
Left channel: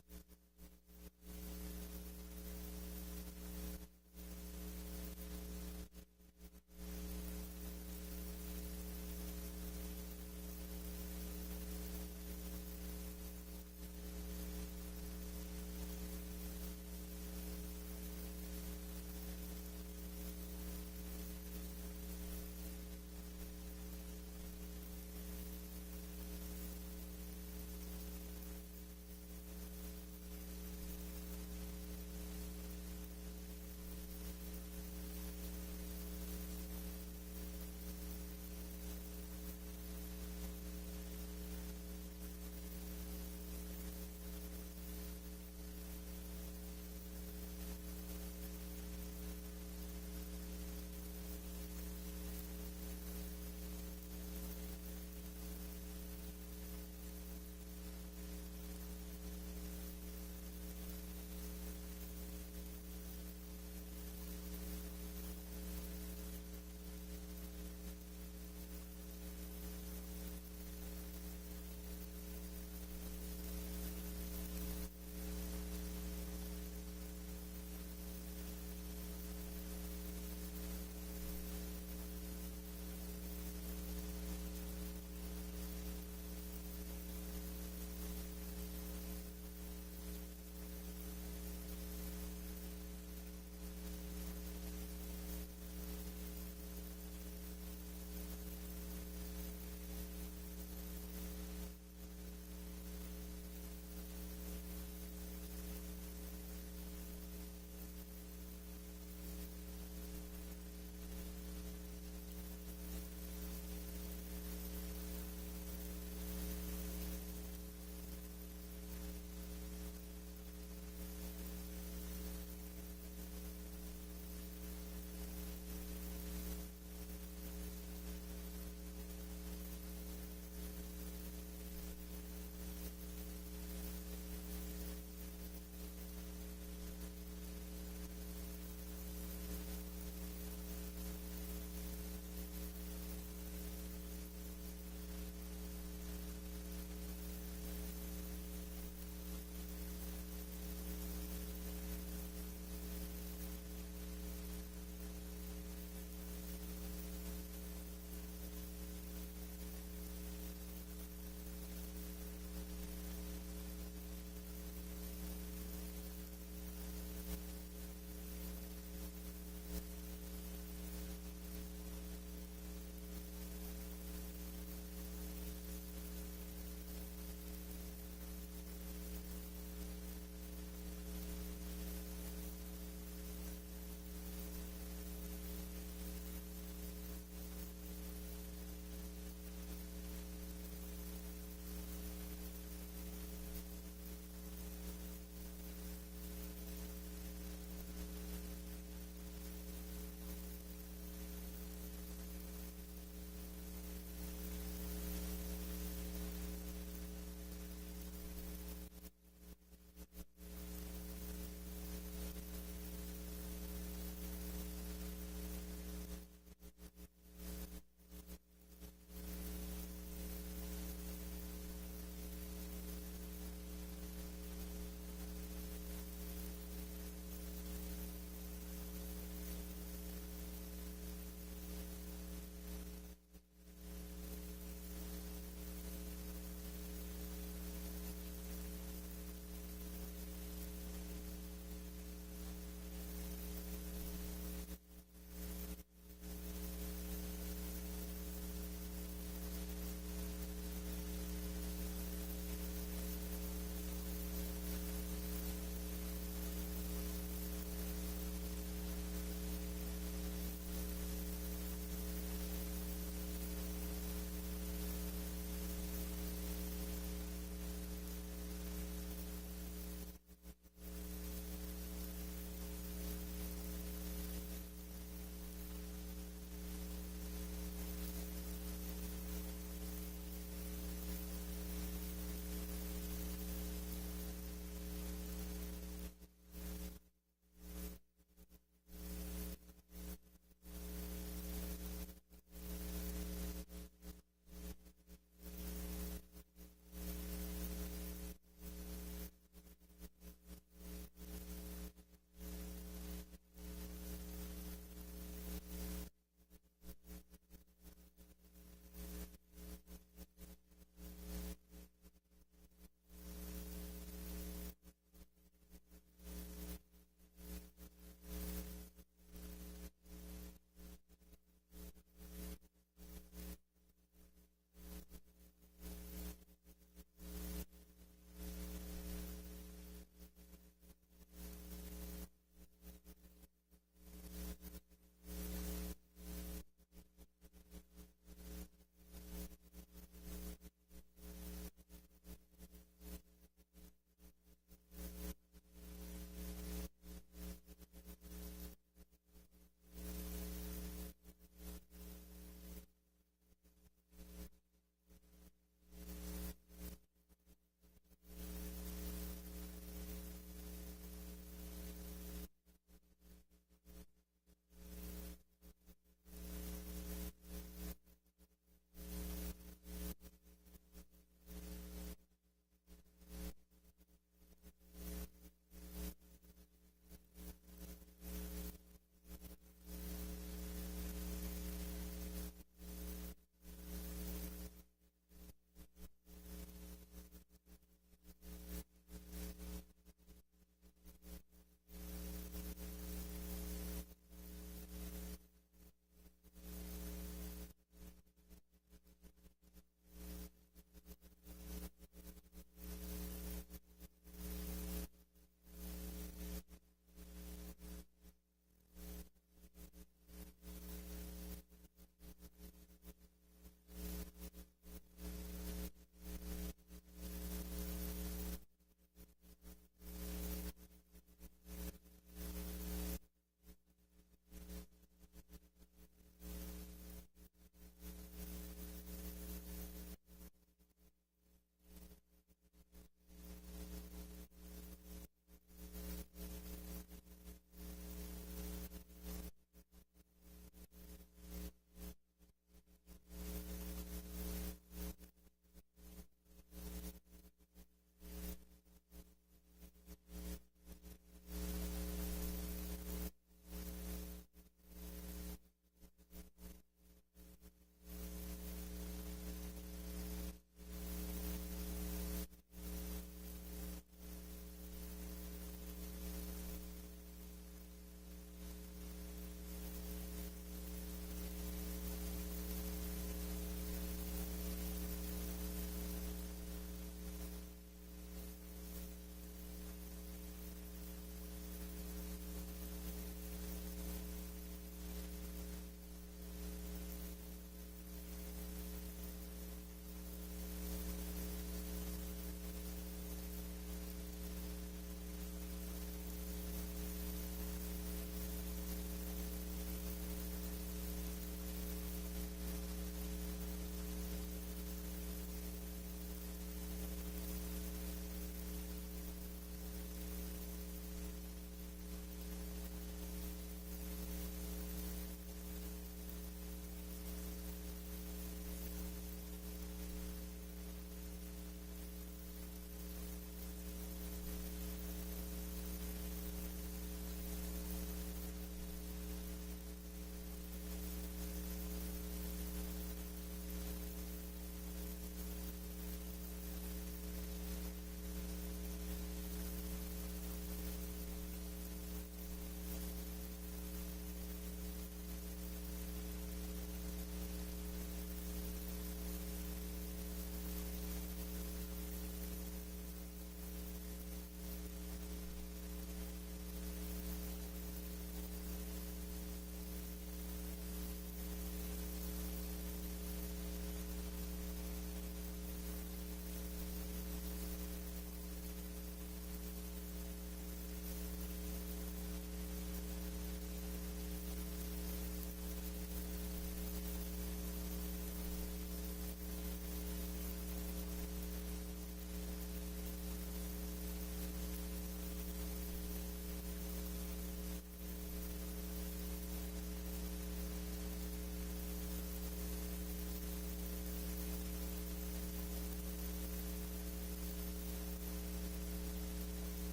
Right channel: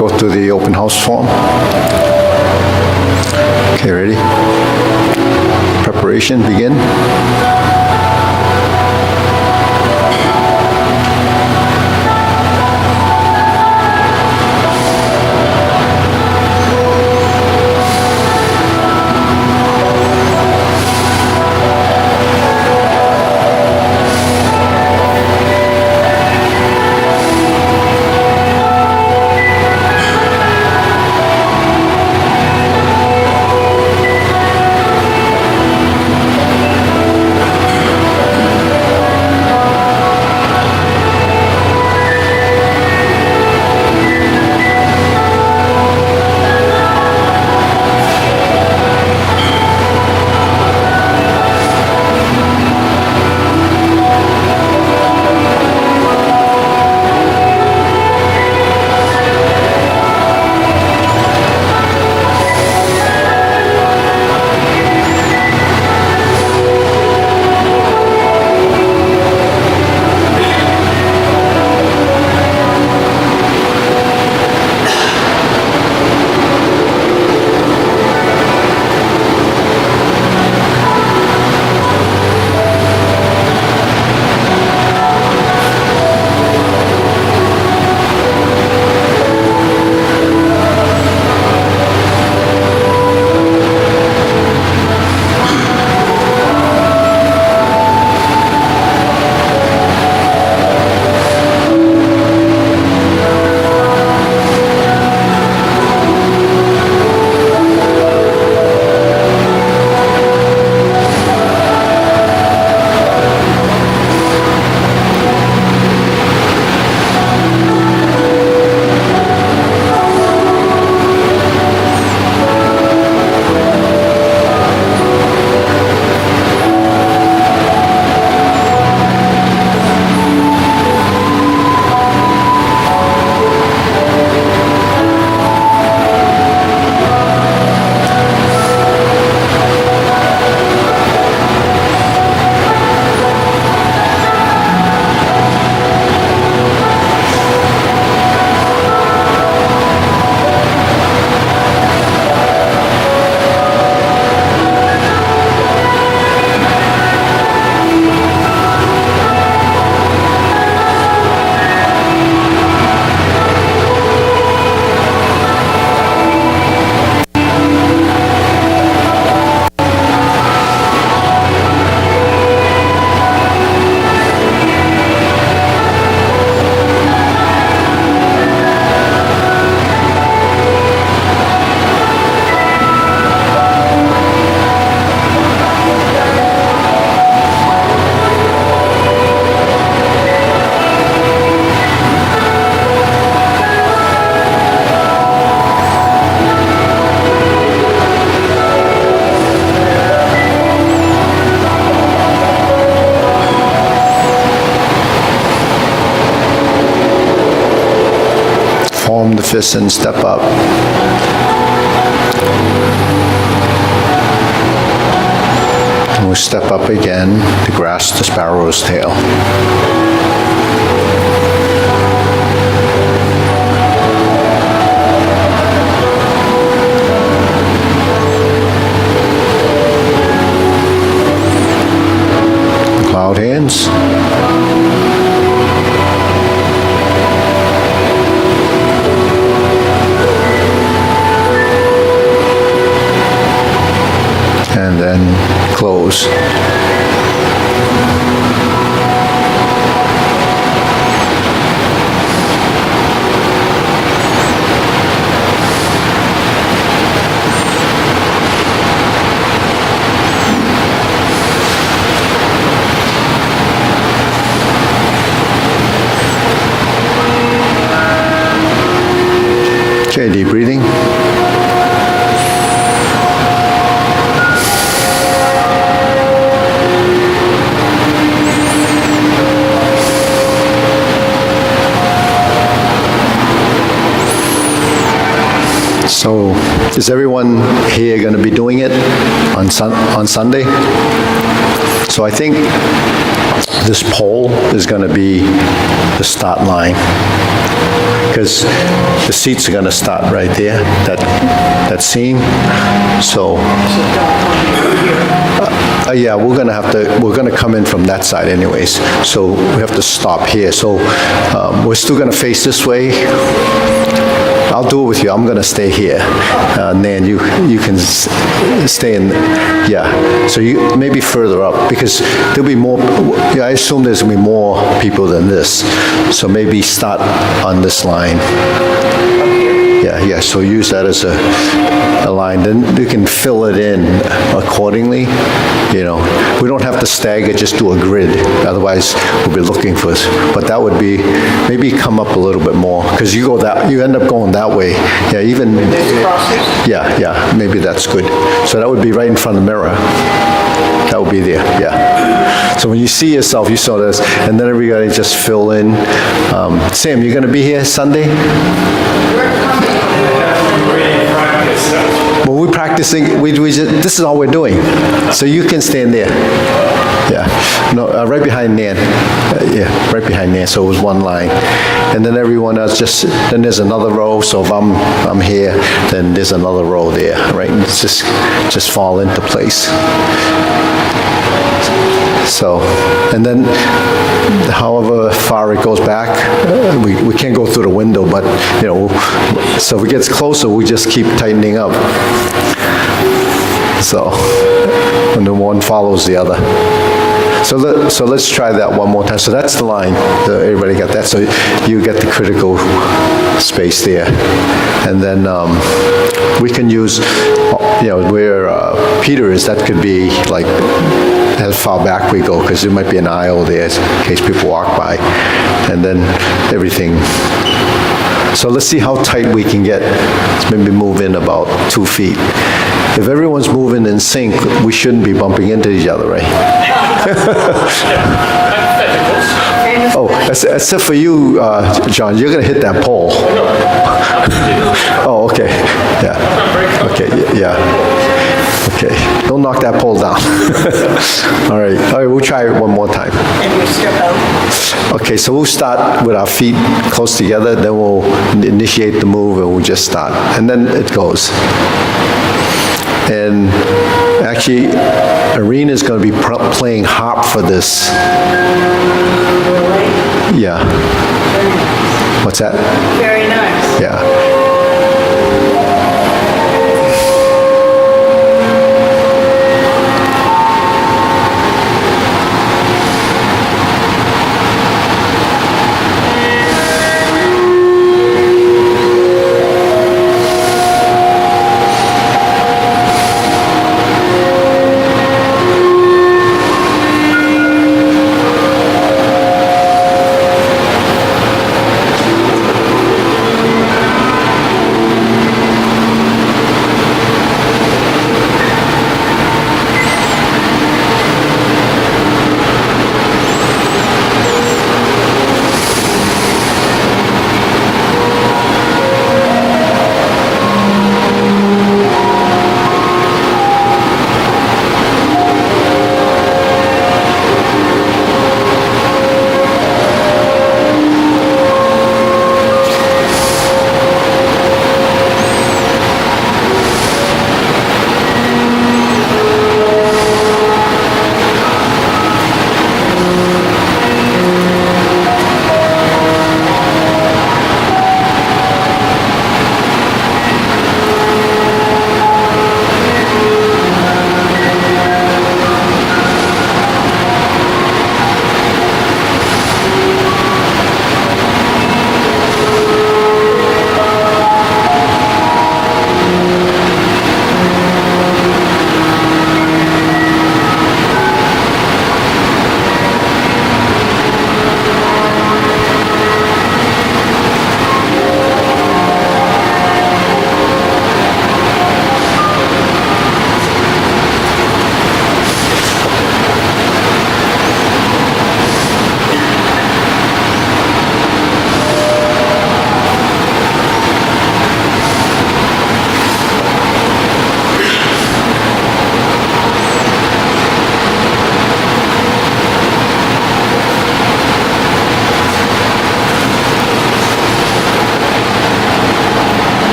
go through the open house form. Okay, ready? Preparation, begin. Form the fist and step up. And we'll step up again to grasp the sparrow's tail. Cloud hands. And then close. Okay, deep breathing. So, is everyone here going to be doing it on Sunday? So I think this pole is going to be the start line. because the seats are going to start right there, that seam. So, yeah, we're going to come in from that side anyways. So we have to stop here. So we're still going to face this way. I'll do it with you. I'm going to stay here. Nan, you can stay in, yeah. So you maybe further up, because there'll be more, yeah, I assume there's going to be more people than this. So maybe start on this line. Yeah, so use that as a line. Then you can fill it in accordingly. You know, we don't have to stagger, just do a grid. Otherwise, we'll be looking for, but that would be, maybe come up a little bit more, because you end up going that way. Yeah, even, yeah, maybe that's good. So that would be right in front of the mirror. That would be there, yeah. So when you see yourself, you saw this, and then everybody just fill in. Sam, you're going to be here Sunday? Well, we're practicing, this is all we're doing. So you can stand there. Yeah, no, right behind Nan. Yeah, right behind Nan, so it was one line. And then everyone else then there's another row, so if I'm here, then there's another row there, right? And it's just fall into place. So, and then however far it goes back, we can't go through the window, but, you know, so if it gets closer, we just keep tightening up. So, and then one follows the other. So let's try that one more time. So that's the line. So everybody got that. So you get the critical space there. And then we can use, you know, where Peter is, that could be like, how far back we go, because there might be an aisle there in case people walk by, and then everything. So let's see how tight we can get. Let's maybe move in about 2 feet. If everyone's moving in sync, we shouldn't be bumping into each other, right? Oh, except for you, John, you're going to hit that pole. Oh, okay. Yeah. Okay, yeah. Okay, don't knock that pole down. All right, we'll try it one more time. And we step out. Okay, so we'll start with our feet close together, then we'll initiate the move and we'll just start. And then it goes. And actually, Arena's going to be playing harp for this. Yeah. What's that? Very nice. Yeah.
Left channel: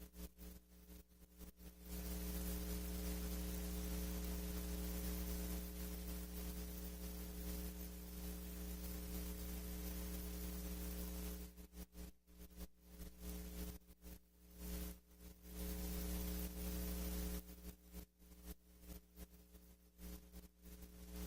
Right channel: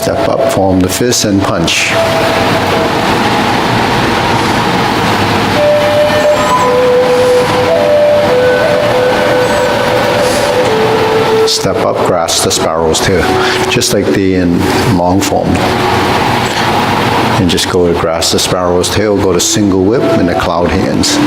Step up, form the fist, and punch. Step up, grasp the sparrow's tail, just like in long form. And just go to grasp the sparrow's tail, go to single whip and the cloud hands.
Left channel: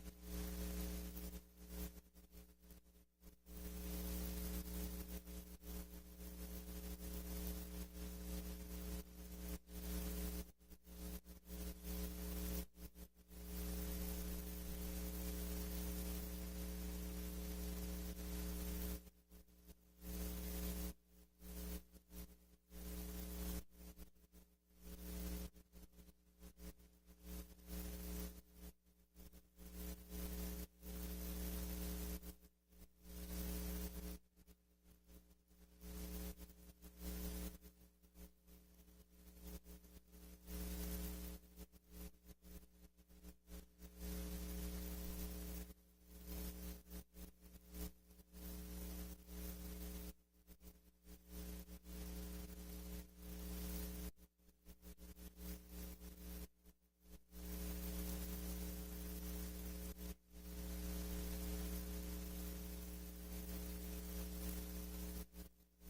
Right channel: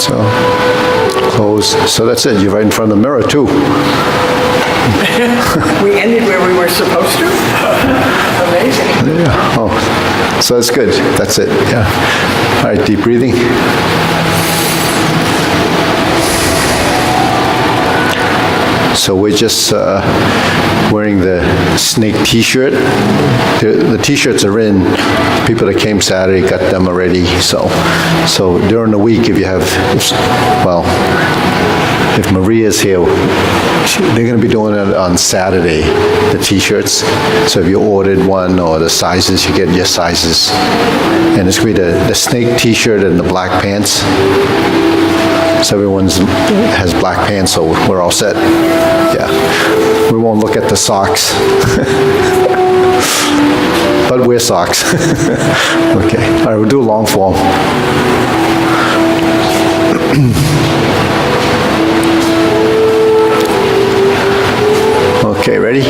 So, close. So that's it. You're right in front of the mirror, too. We ended where we were supposed to? Amazing. Yeah. Oh, so that's good. That's it. Yeah. All right, deep breathing. So we're just wearing the snake T-shirt. The T-shirts are in. People that came Saturday got them already. So during the week, if you have, well, if Maria's here, they're going to be doing it on Saturday, the T-shirts. So if you ordered one or the sizes, you get your sizes. And it's going to be the snake T-shirt and the black pants. So everyone has black pants, so we're all set. Yeah. We won't look at the socks. But wear socks. Okay. All right, we'll do a long form. Okay, ready?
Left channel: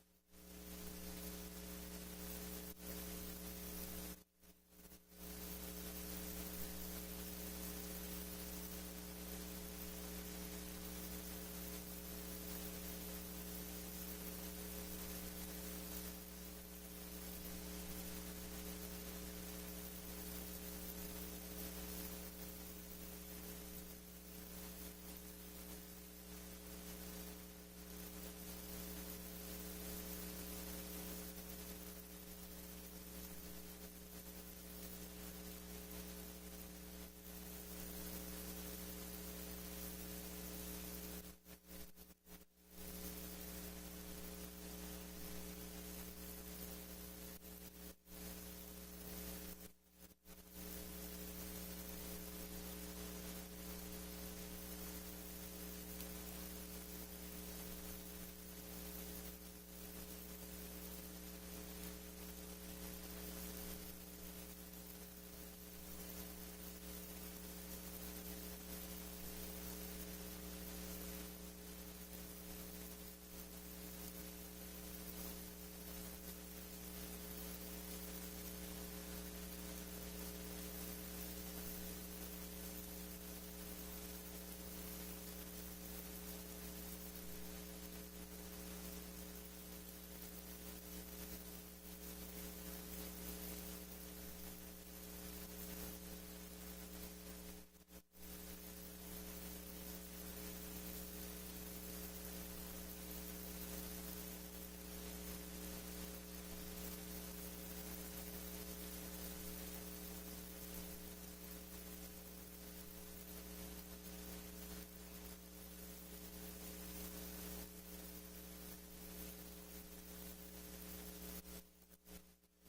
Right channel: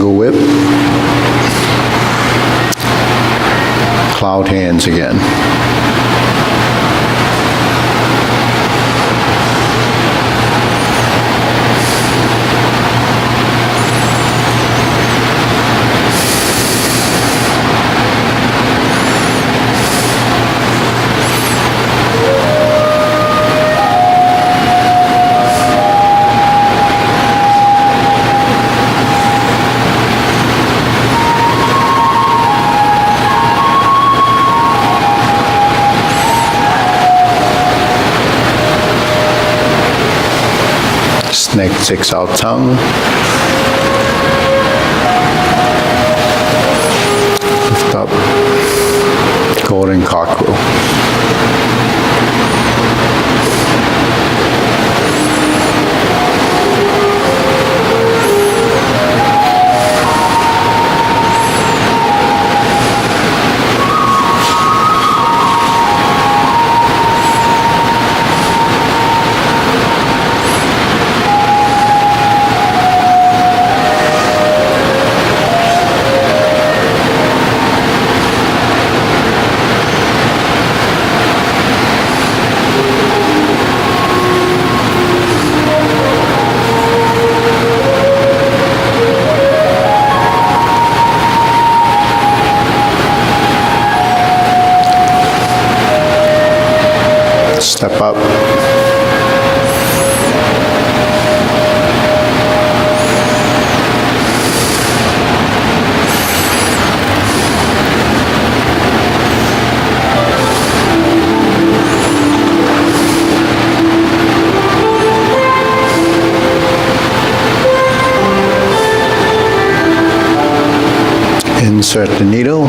Single whip. Cloud hands again. Snake sticks out tongue. Lift up. Golden cockerel. Step up. Insert the needle.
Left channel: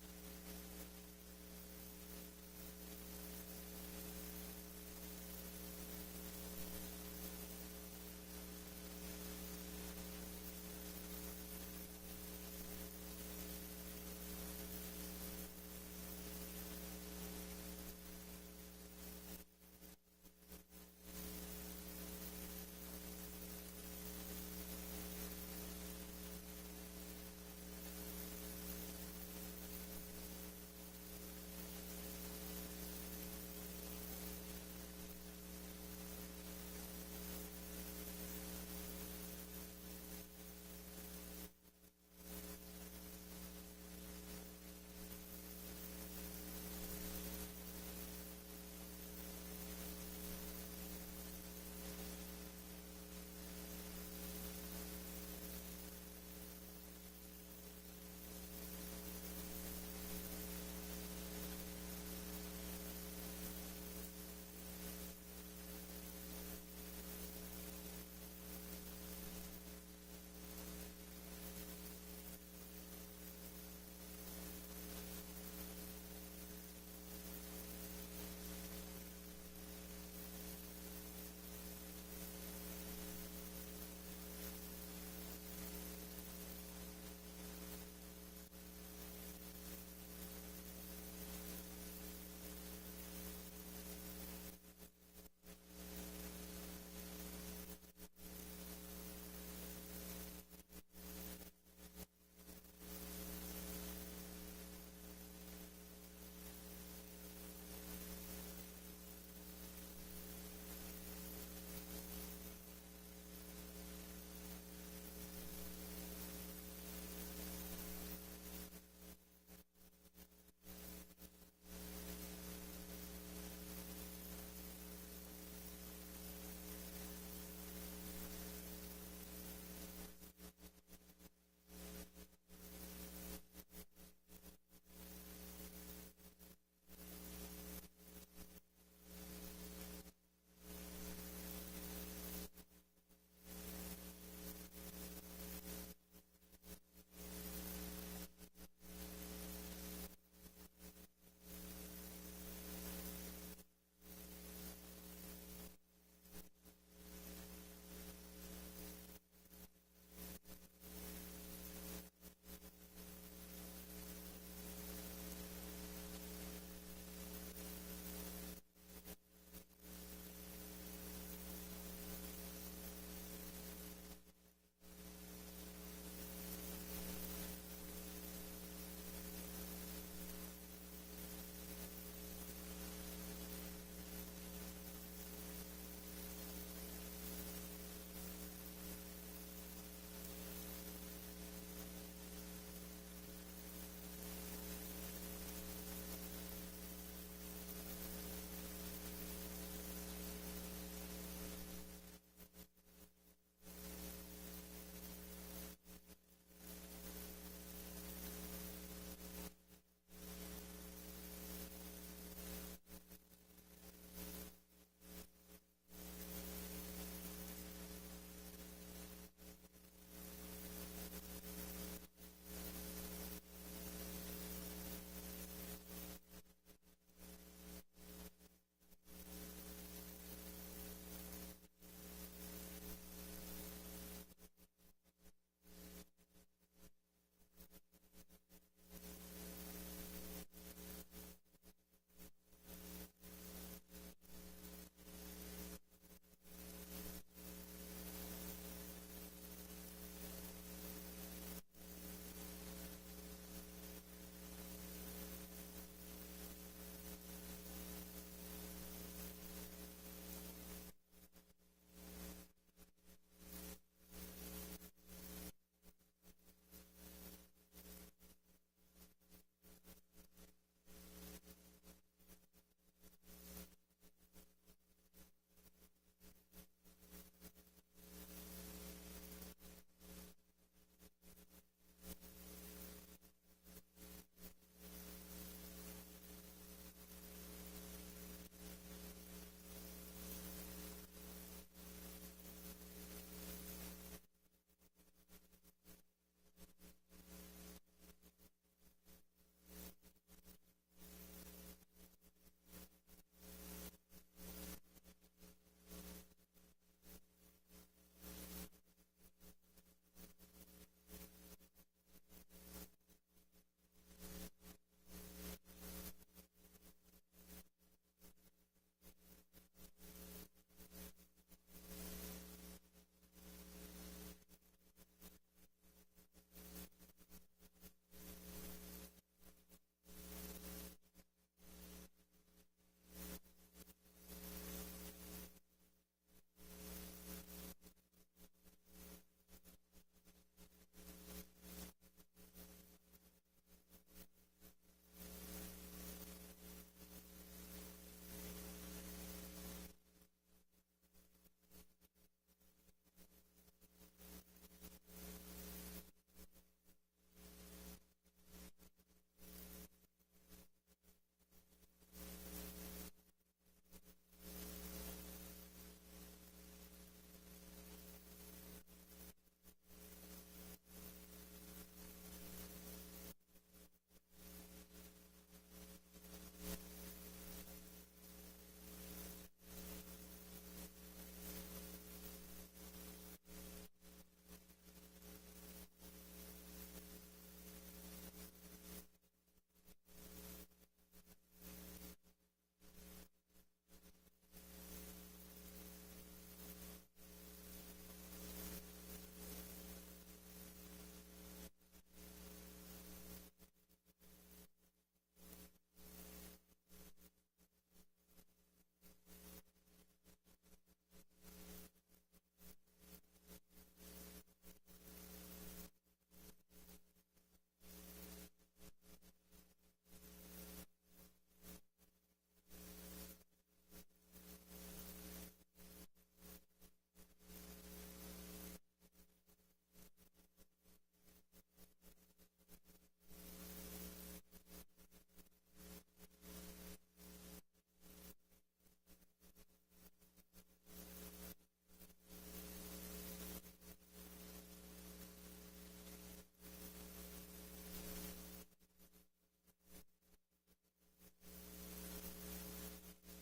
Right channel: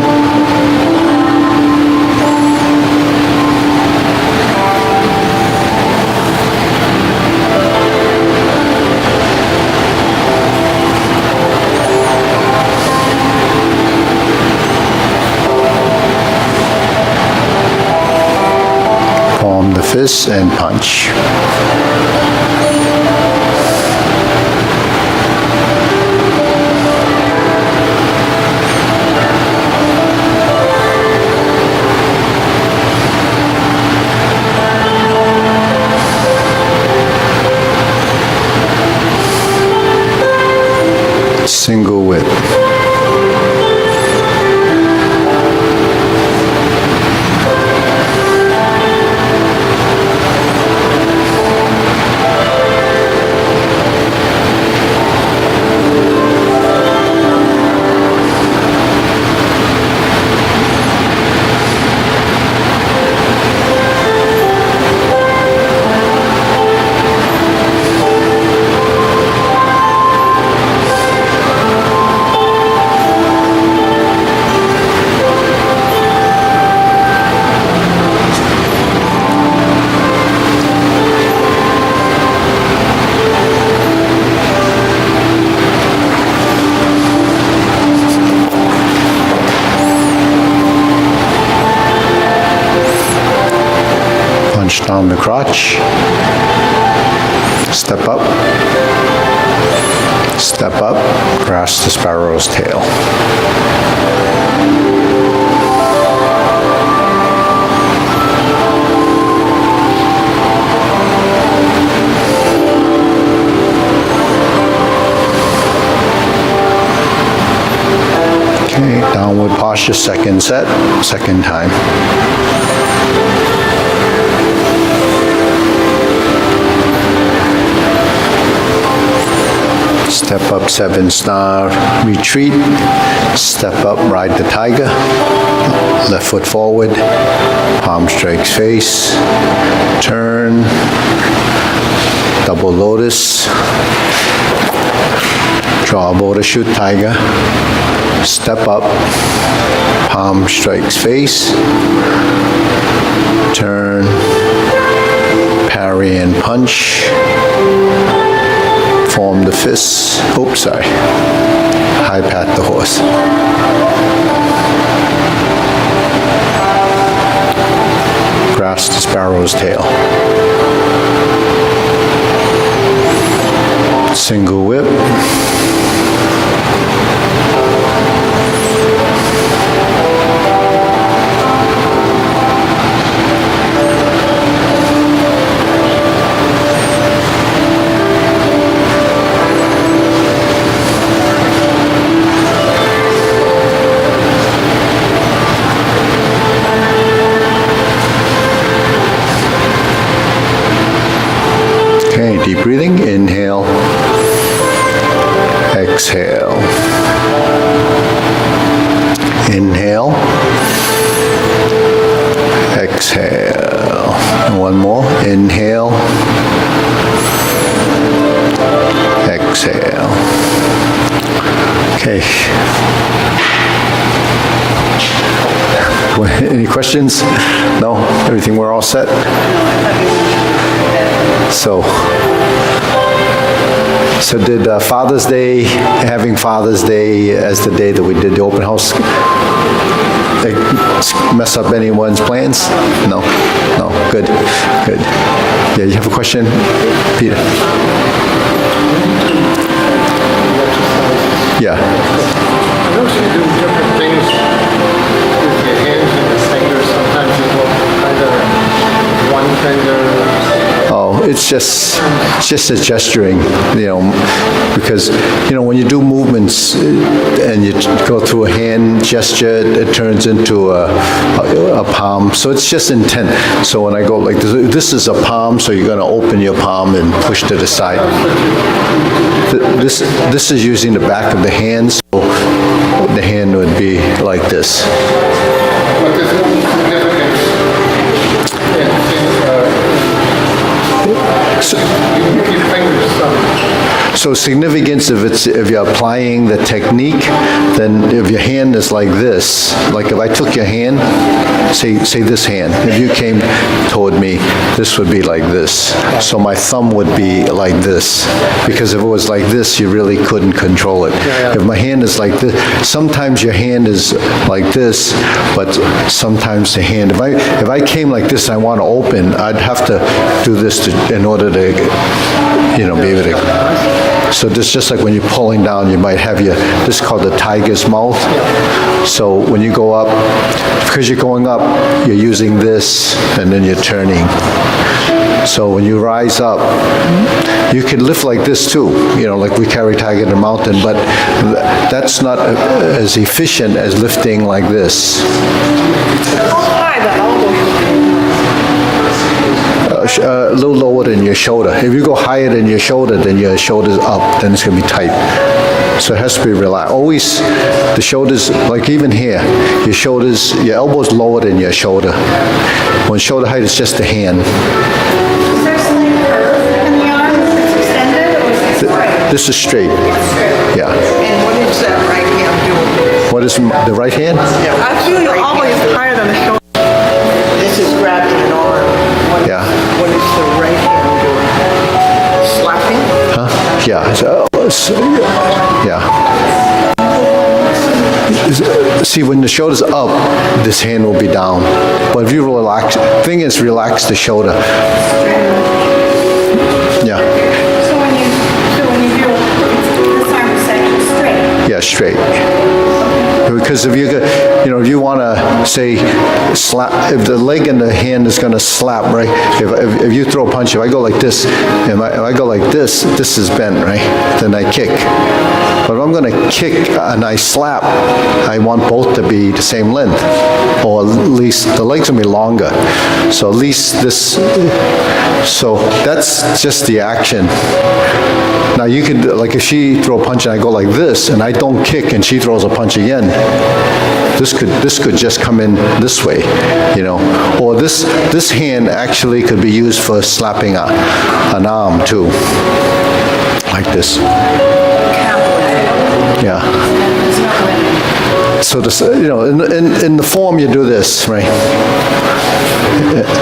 Palm the fist and punch. Single whip. Punch down the crotch. Step up. Step up. Grasp the sparrow's tail. Okay, downward posture, second set, second time. Step up, 7-star, retreat. Step up, ride the tiger. Left foot forward, palm strikes face. Turn, double lotus. Draw bow to shoot tiger. Step up, palm strikes face. Turn, parry and punch. Form the fists. Oops, sorry. High pat the horse. Grasp the sparrow's tail. Single whip. Inhale. Exhale. And one more. Inhale. Exhale. Okay. Any questions? No? Everything we're all set? So did Father's Day, having Father's Day as the day that we did the open house, mess up anyone's plans? No? No, good, good. Yeah, you have a question, Peter? Yeah. I notice you do different things with your hands and your fingers. Sometimes you go kind of one finger. Oh, it's just a gesturing, because, when you do movements and you go through a hand gesture, it turns into a palm. So it's just intent. So when I go like this is a palm, so you're going to open your palm and push to the side. This is using the back of the hand, so the hand would be like this. But there's no significance in you keep fingers So significance, if you're applying the technique, then if your hand is like this, like if I took your hand, say this hand, if you came toward me, this would be like this. So my thumb would be like this, because if it was like this, you really couldn't control it. If my hand is like this, sometimes your hand is like this, but sometimes the hand, if I came like this, I want to open, I'd have to do this in order to, be able to. So this, just like when you're pulling down, you might have this is called the tiger's mouth. So when you go up, because you're going up, you're using this, and then you're turning. So when you rise up, you can lift like this too, like we carry tiger in the mountain, but that's not as efficient as lifting like this. A little lower than your shoulder. If you go higher than your shoulder, then your shoulder's up, then it's going to be tight. So it has to be relaxed. Always, the shoulders, like even here, your elbow's lower than your shoulder. When shoulder height is just the hand. Is there a slight curve in the arm that's extended, or is it straight? This is straight. Yeah. And what is that right hand doing? What is the right hand? I feel you're always higher than the shoulder. This is grabbing an arm. Yeah. What is the right hand doing? Slapping? Huh? Yeah. Yeah. See, when the shoulder's up, this hand will be down. But if you relax, thing is relax the shoulder. Yeah. So when you do this arm is actually straight. Yeah, straight. Because if if you want to say slap, if the leg and the hand is going to slap, right? If you throw a punch, if I go like this, if I go like this, this is bent, right? Then I kick. But if I'm going to kick and I slap, I want both to be the same length, or at least the legs will be longer. So at least this. So that's just the action. Now you could, like if she throw a punch and I go like this, and I don't kick and she throws a punch again, this could just come in this way, Or this hand actually could be used for slapping an arm too, like this. Yeah. So this, in the form you do this, right?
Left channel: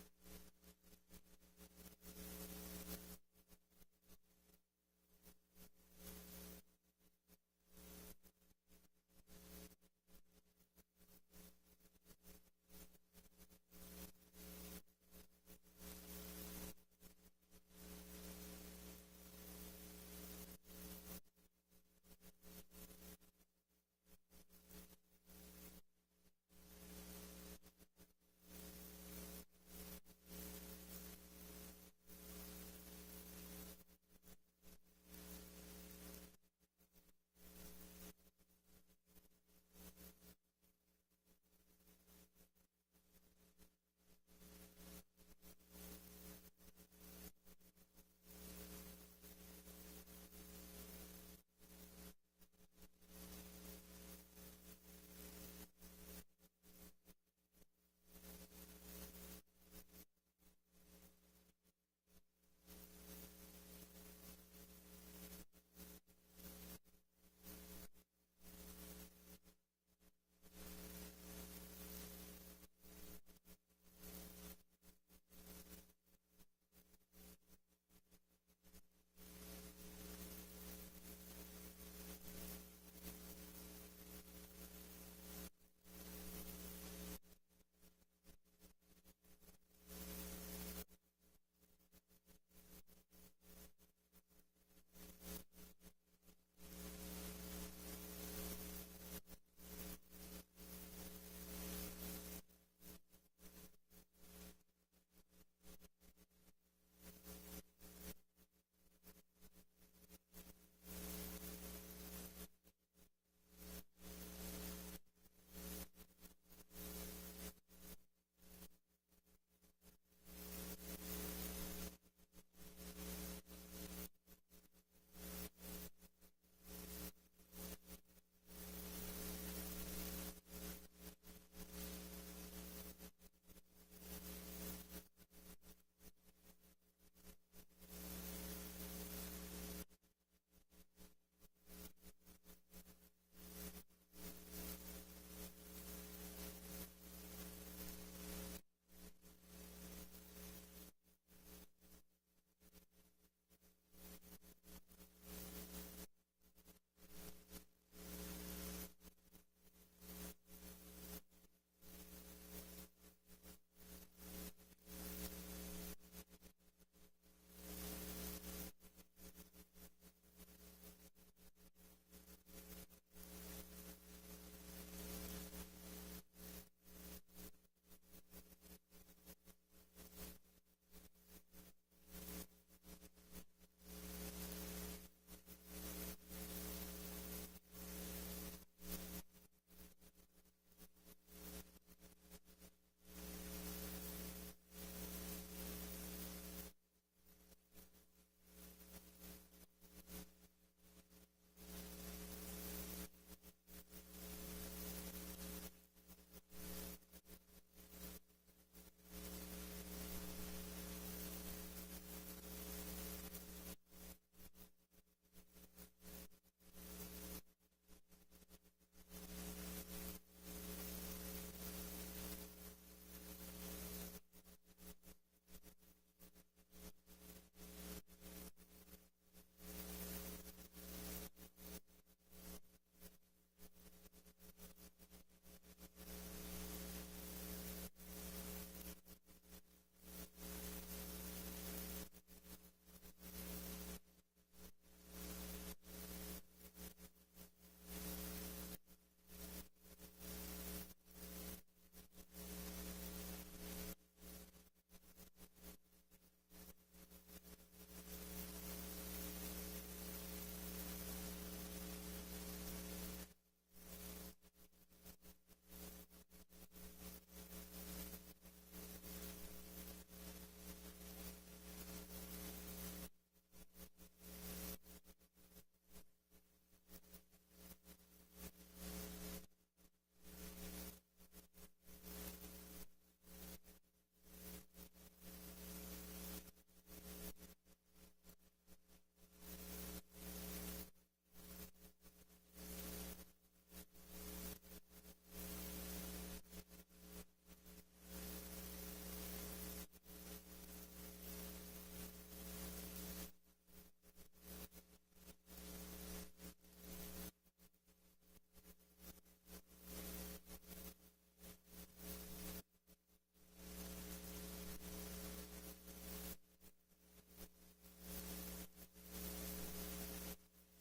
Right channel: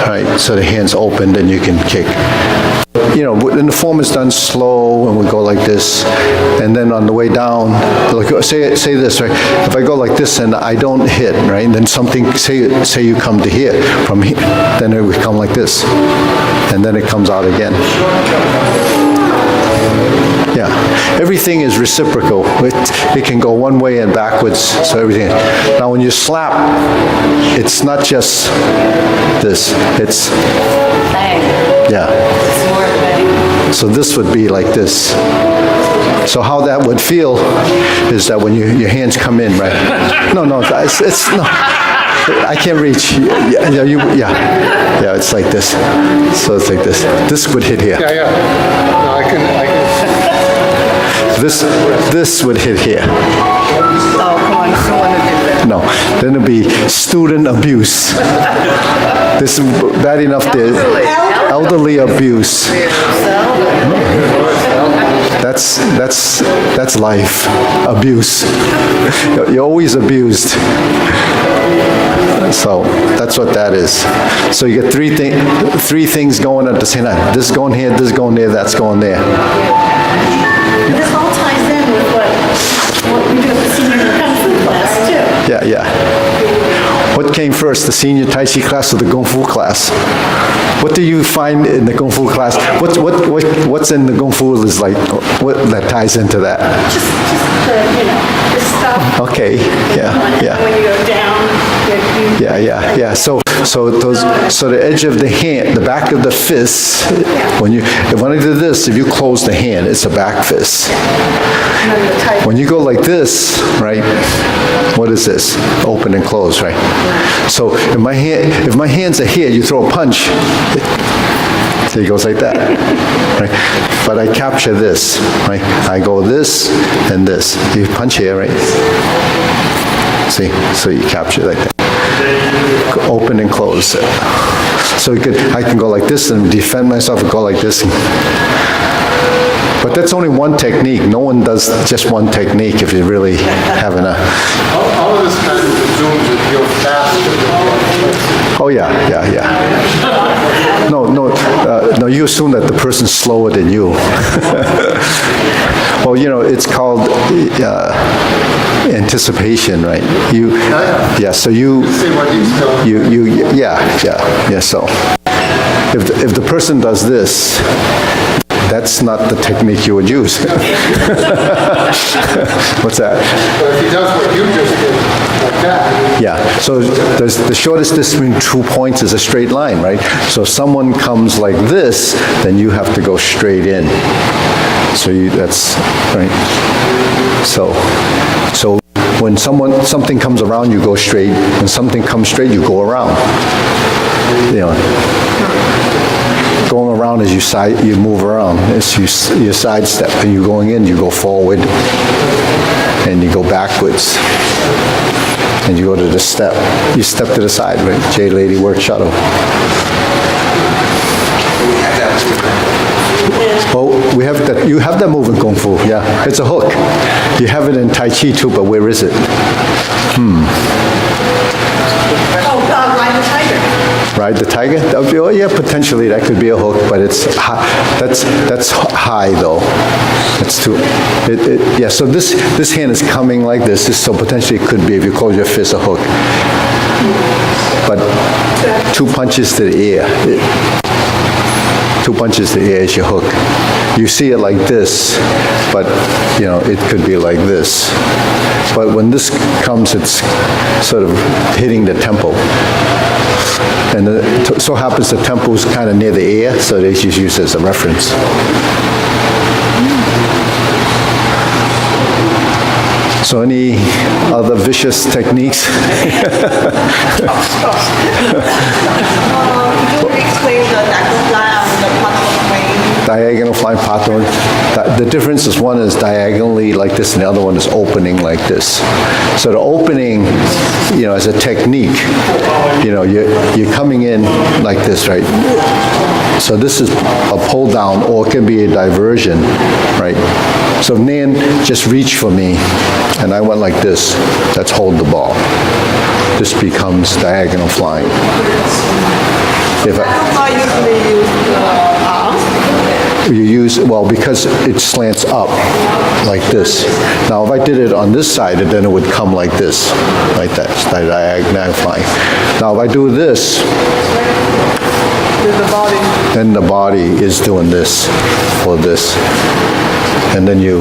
All right. So the hand's opened and you can kick. And the form is done slow, and we go like this, and then on the way down, like say this, right? If I go like this and I don't hit, right? And then something, say you come to here, from here, then it would come like this, and then it comes out again. Yeah, everything is reciprocal. It can go one way and backwards, so everything. Now when you slap, it's not just this, it's, yeah. So this would be like this. So how that would feel is that when your hands come in, right? No, it's no. I can't reach. Yeah, it's like this. So it's like this. This would hit here. Yeah. No, I can. This would hit here. Oh, come on, you don't want to do that. No. No, then it'll be student abuse. This is bad enough there. Elderly abuse. That's life. Abuse. You're always abused. So that's what that is. So you get three things going at the same time. This going here, this going there, that's going there. This all ties in with what we do at the senior Kung Fu class too. Yeah, yeah. What came first, the senior Tai Chi class or the Kung Fu class? What do you find in the Kung Fu class? What's in the Kung Fu is like, what that ties into that? Just the, the stuff. Okay, yeah, yeah. When you go down, Yeah. So the edge of the hand, the back of the fist, when I do this, if you close the hand, it's a back fist. When you go like this, right? What is this? Open and close, right? So if my hands are here, you throw a punch, so it goes like that, right? But I capture this, right? I go this and this. You punch here, right? See? So you capture like that. Open and close. So I can go like this and defend myself and go like this. But that's only one technique. No one does just one technique if you're really having a... All of this kind of zooms with your faster. Oh, yeah. No, you assume that the person's slower than you. Well, it's called anticipation, right? So you See what he's doing. yeah. So if the person does this, that's not the technique you would use. What's that? But if he does what you just did, like that, Yeah, so the shortest distance between 2 points is a straight line, right? So if someone comes like this, then you have to go straight in. So that's, right? So when something comes around, you go straight. When something comes straight, you go around. Going around as you move around. As you sidestep, and you're going in, you go forward, and you go backwards. And you go to the step. You step to the side, right? J-Lady work shuttle. Oh, we have that. You have that move in Kung Fu, yeah. It's a hook. You have it in Tai Chi too, but where is it? ride the tiger. Ride the tiger? That would be, oh yeah, potentially that could be a hook, but it's high. That's high though. That's too. Yeah. So this hand is coming like this. So potentially it could be, if you close your fist, a hook. But 2 punches to the ear. 2 punches to the ear is your hook. You see it like this, but it could be like this. But when this comes, it's sort of hitting the temple. And it so happens the temple is kind of near the ear, so they just use it as a reference. So any other vicious techniques? Could you explain the Diagonal flying pato. The difference is one is diagonally like this and the other one is opening like this. So the opening, as a technique, you're coming in like this, right? So this is a pull down, or it can be a diversion, right? So Nan just reached for me and I went like this. That's hold the ball. This becomes diagonal flying. If I usually use the arms. you use, well, because it slants up like this. Now, if I did it on this side, then it would come like this, like that, diagonal flying. Now, if I do this, then the body is doing this or this. And then you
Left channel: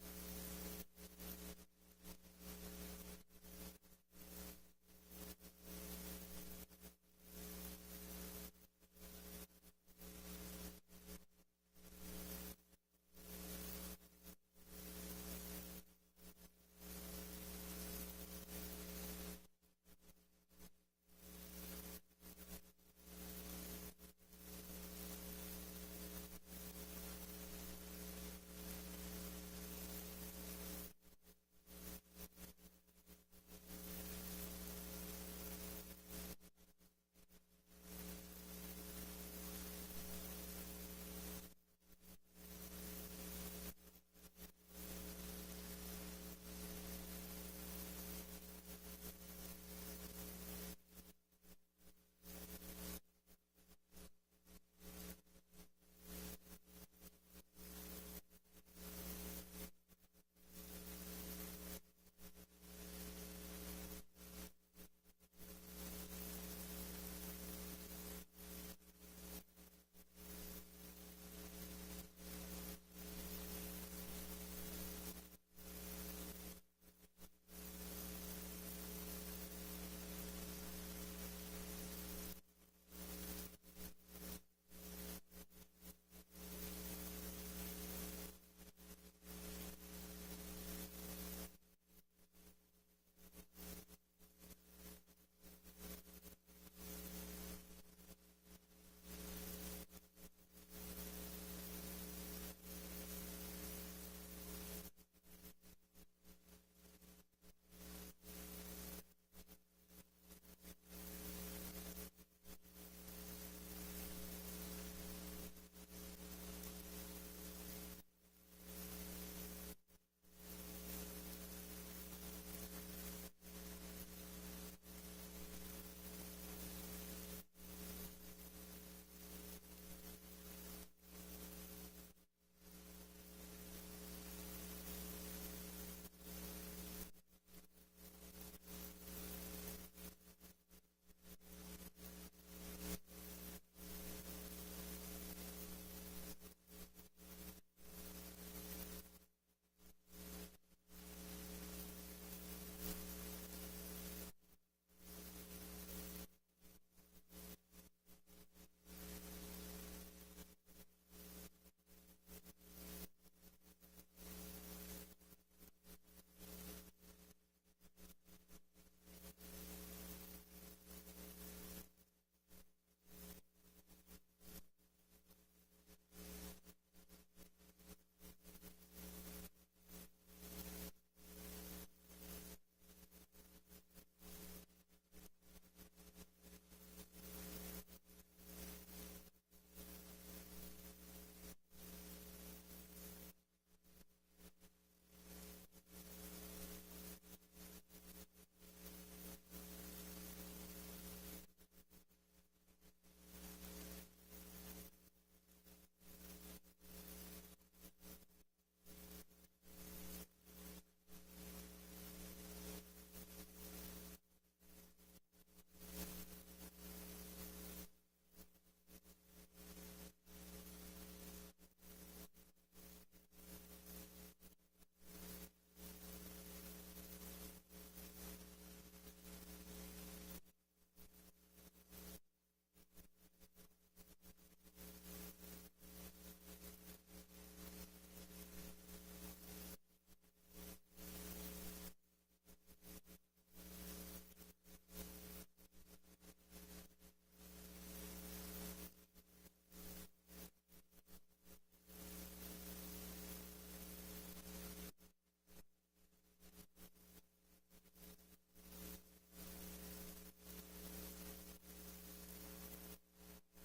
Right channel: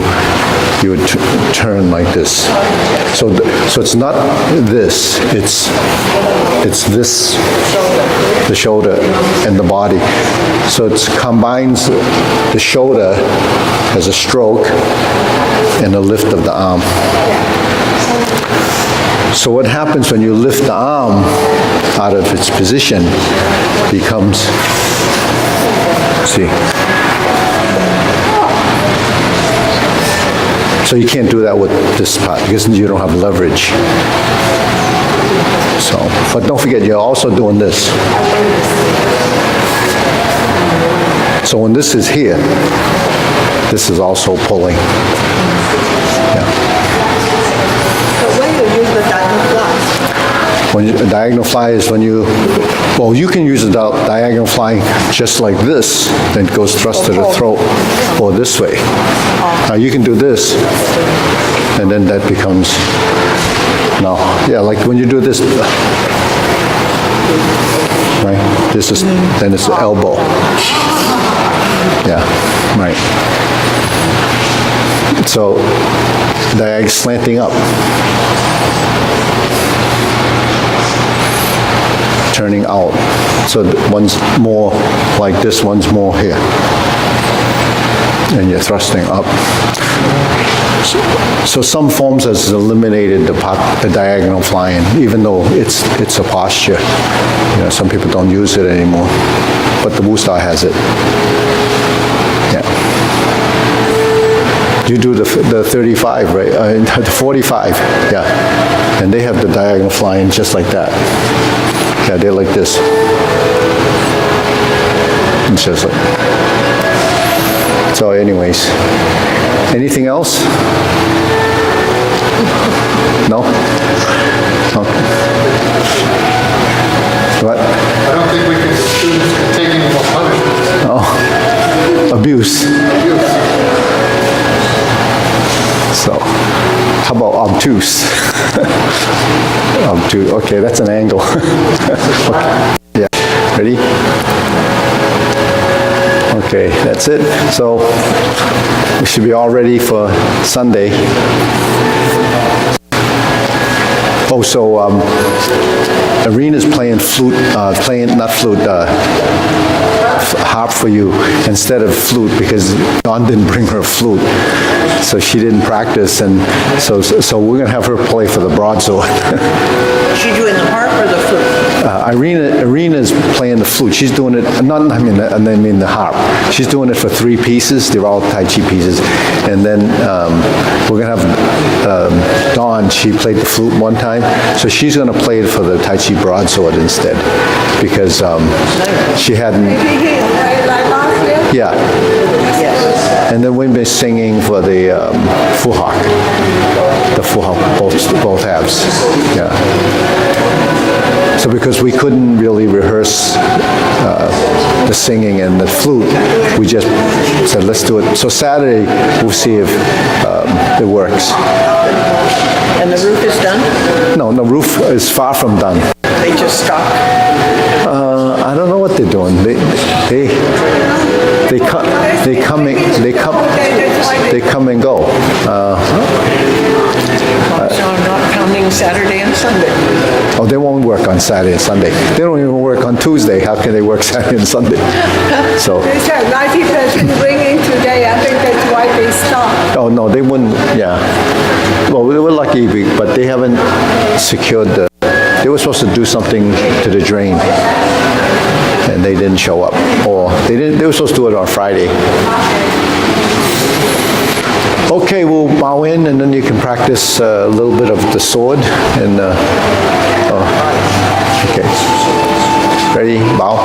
would turn like this. So it's not this, it's this, the shoulder and the body. So it combines the shoulder as a stroke and a lift of the arm. So what happens when you lift the arm out of its position becomes, see. So you can't do that with this part because you don't have leverage. So, but don't forget, you're also doing this. So when this is here, this is also pulling. Yeah. But when you use the diamond fly, When a diagonal fly is when you, well, you can use a diagonal fly just like this, then it goes thrust to the throat, or this way. Now you can do this, and then that becomes, no, yeah, like when you do this, right? This is, then it's the elbow. Yeah, right. So, diag slanting up. Turning out. So one's more like this, one's more here. And you're thrusting up. So some forms has eliminated the diagonal flying, even though it's a posture. You know, some people don't use it anymore, but the Wu Style has it. Yeah. You do the 35, right? The 45, yeah. And they have the diagonal flying just like that. Yeah, they're like this. It's just like. So anyways, anything else? No? Okay. What? I don't think we can, students can take any more punishment. Oh, abuse. So, how about obtuse? Obtuse, okay, that's an angle. Okay. Yeah, ready? Okay, that's it. So, we should be all ready for Sunday. Oh, so Arena's playing flute, harp for you instead of flute because Dawn didn't bring her flute. So she didn't practice, and so we're gonna have her play for the broadsword. she doing the harp or the flute? Arena's playing the flute. She's doing it, I mean the harp. She's doing it for 3 pieces. They're all Tai Chi pieces. And then we're gonna have Dawn, she played the flute one time. So she's gonna play it for the Tai Chi broadsword instead because she hadn't, yeah. And then we've been singing for the Fu Hawk. The Fu Hawk, both halves. Yeah. So because we couldn't really rehearse the singing and the flute, we just said, let's do it. So Saturday, we'll see if it works. And the roof is done? No, the roof is far from done. They just stopped? I don't know what they're doing. They come and go. So I'm not counting Saturday and Sunday. Oh, they won't work on Saturday and Sunday. They don't even work on Tuesday. How can they work Saturday and Sunday? So. They said 90% ringing today. I think that's why they stopped. Oh no, they wouldn't. Yeah. Well, we were lucky, but they haven't secured the. They were supposed to do something to the drain, and they didn't show up, or they didn't. They were supposed to do it on Friday. Okay, we'll bow in, and then you can practice a little bit of the sword. And okay, ready? Bow.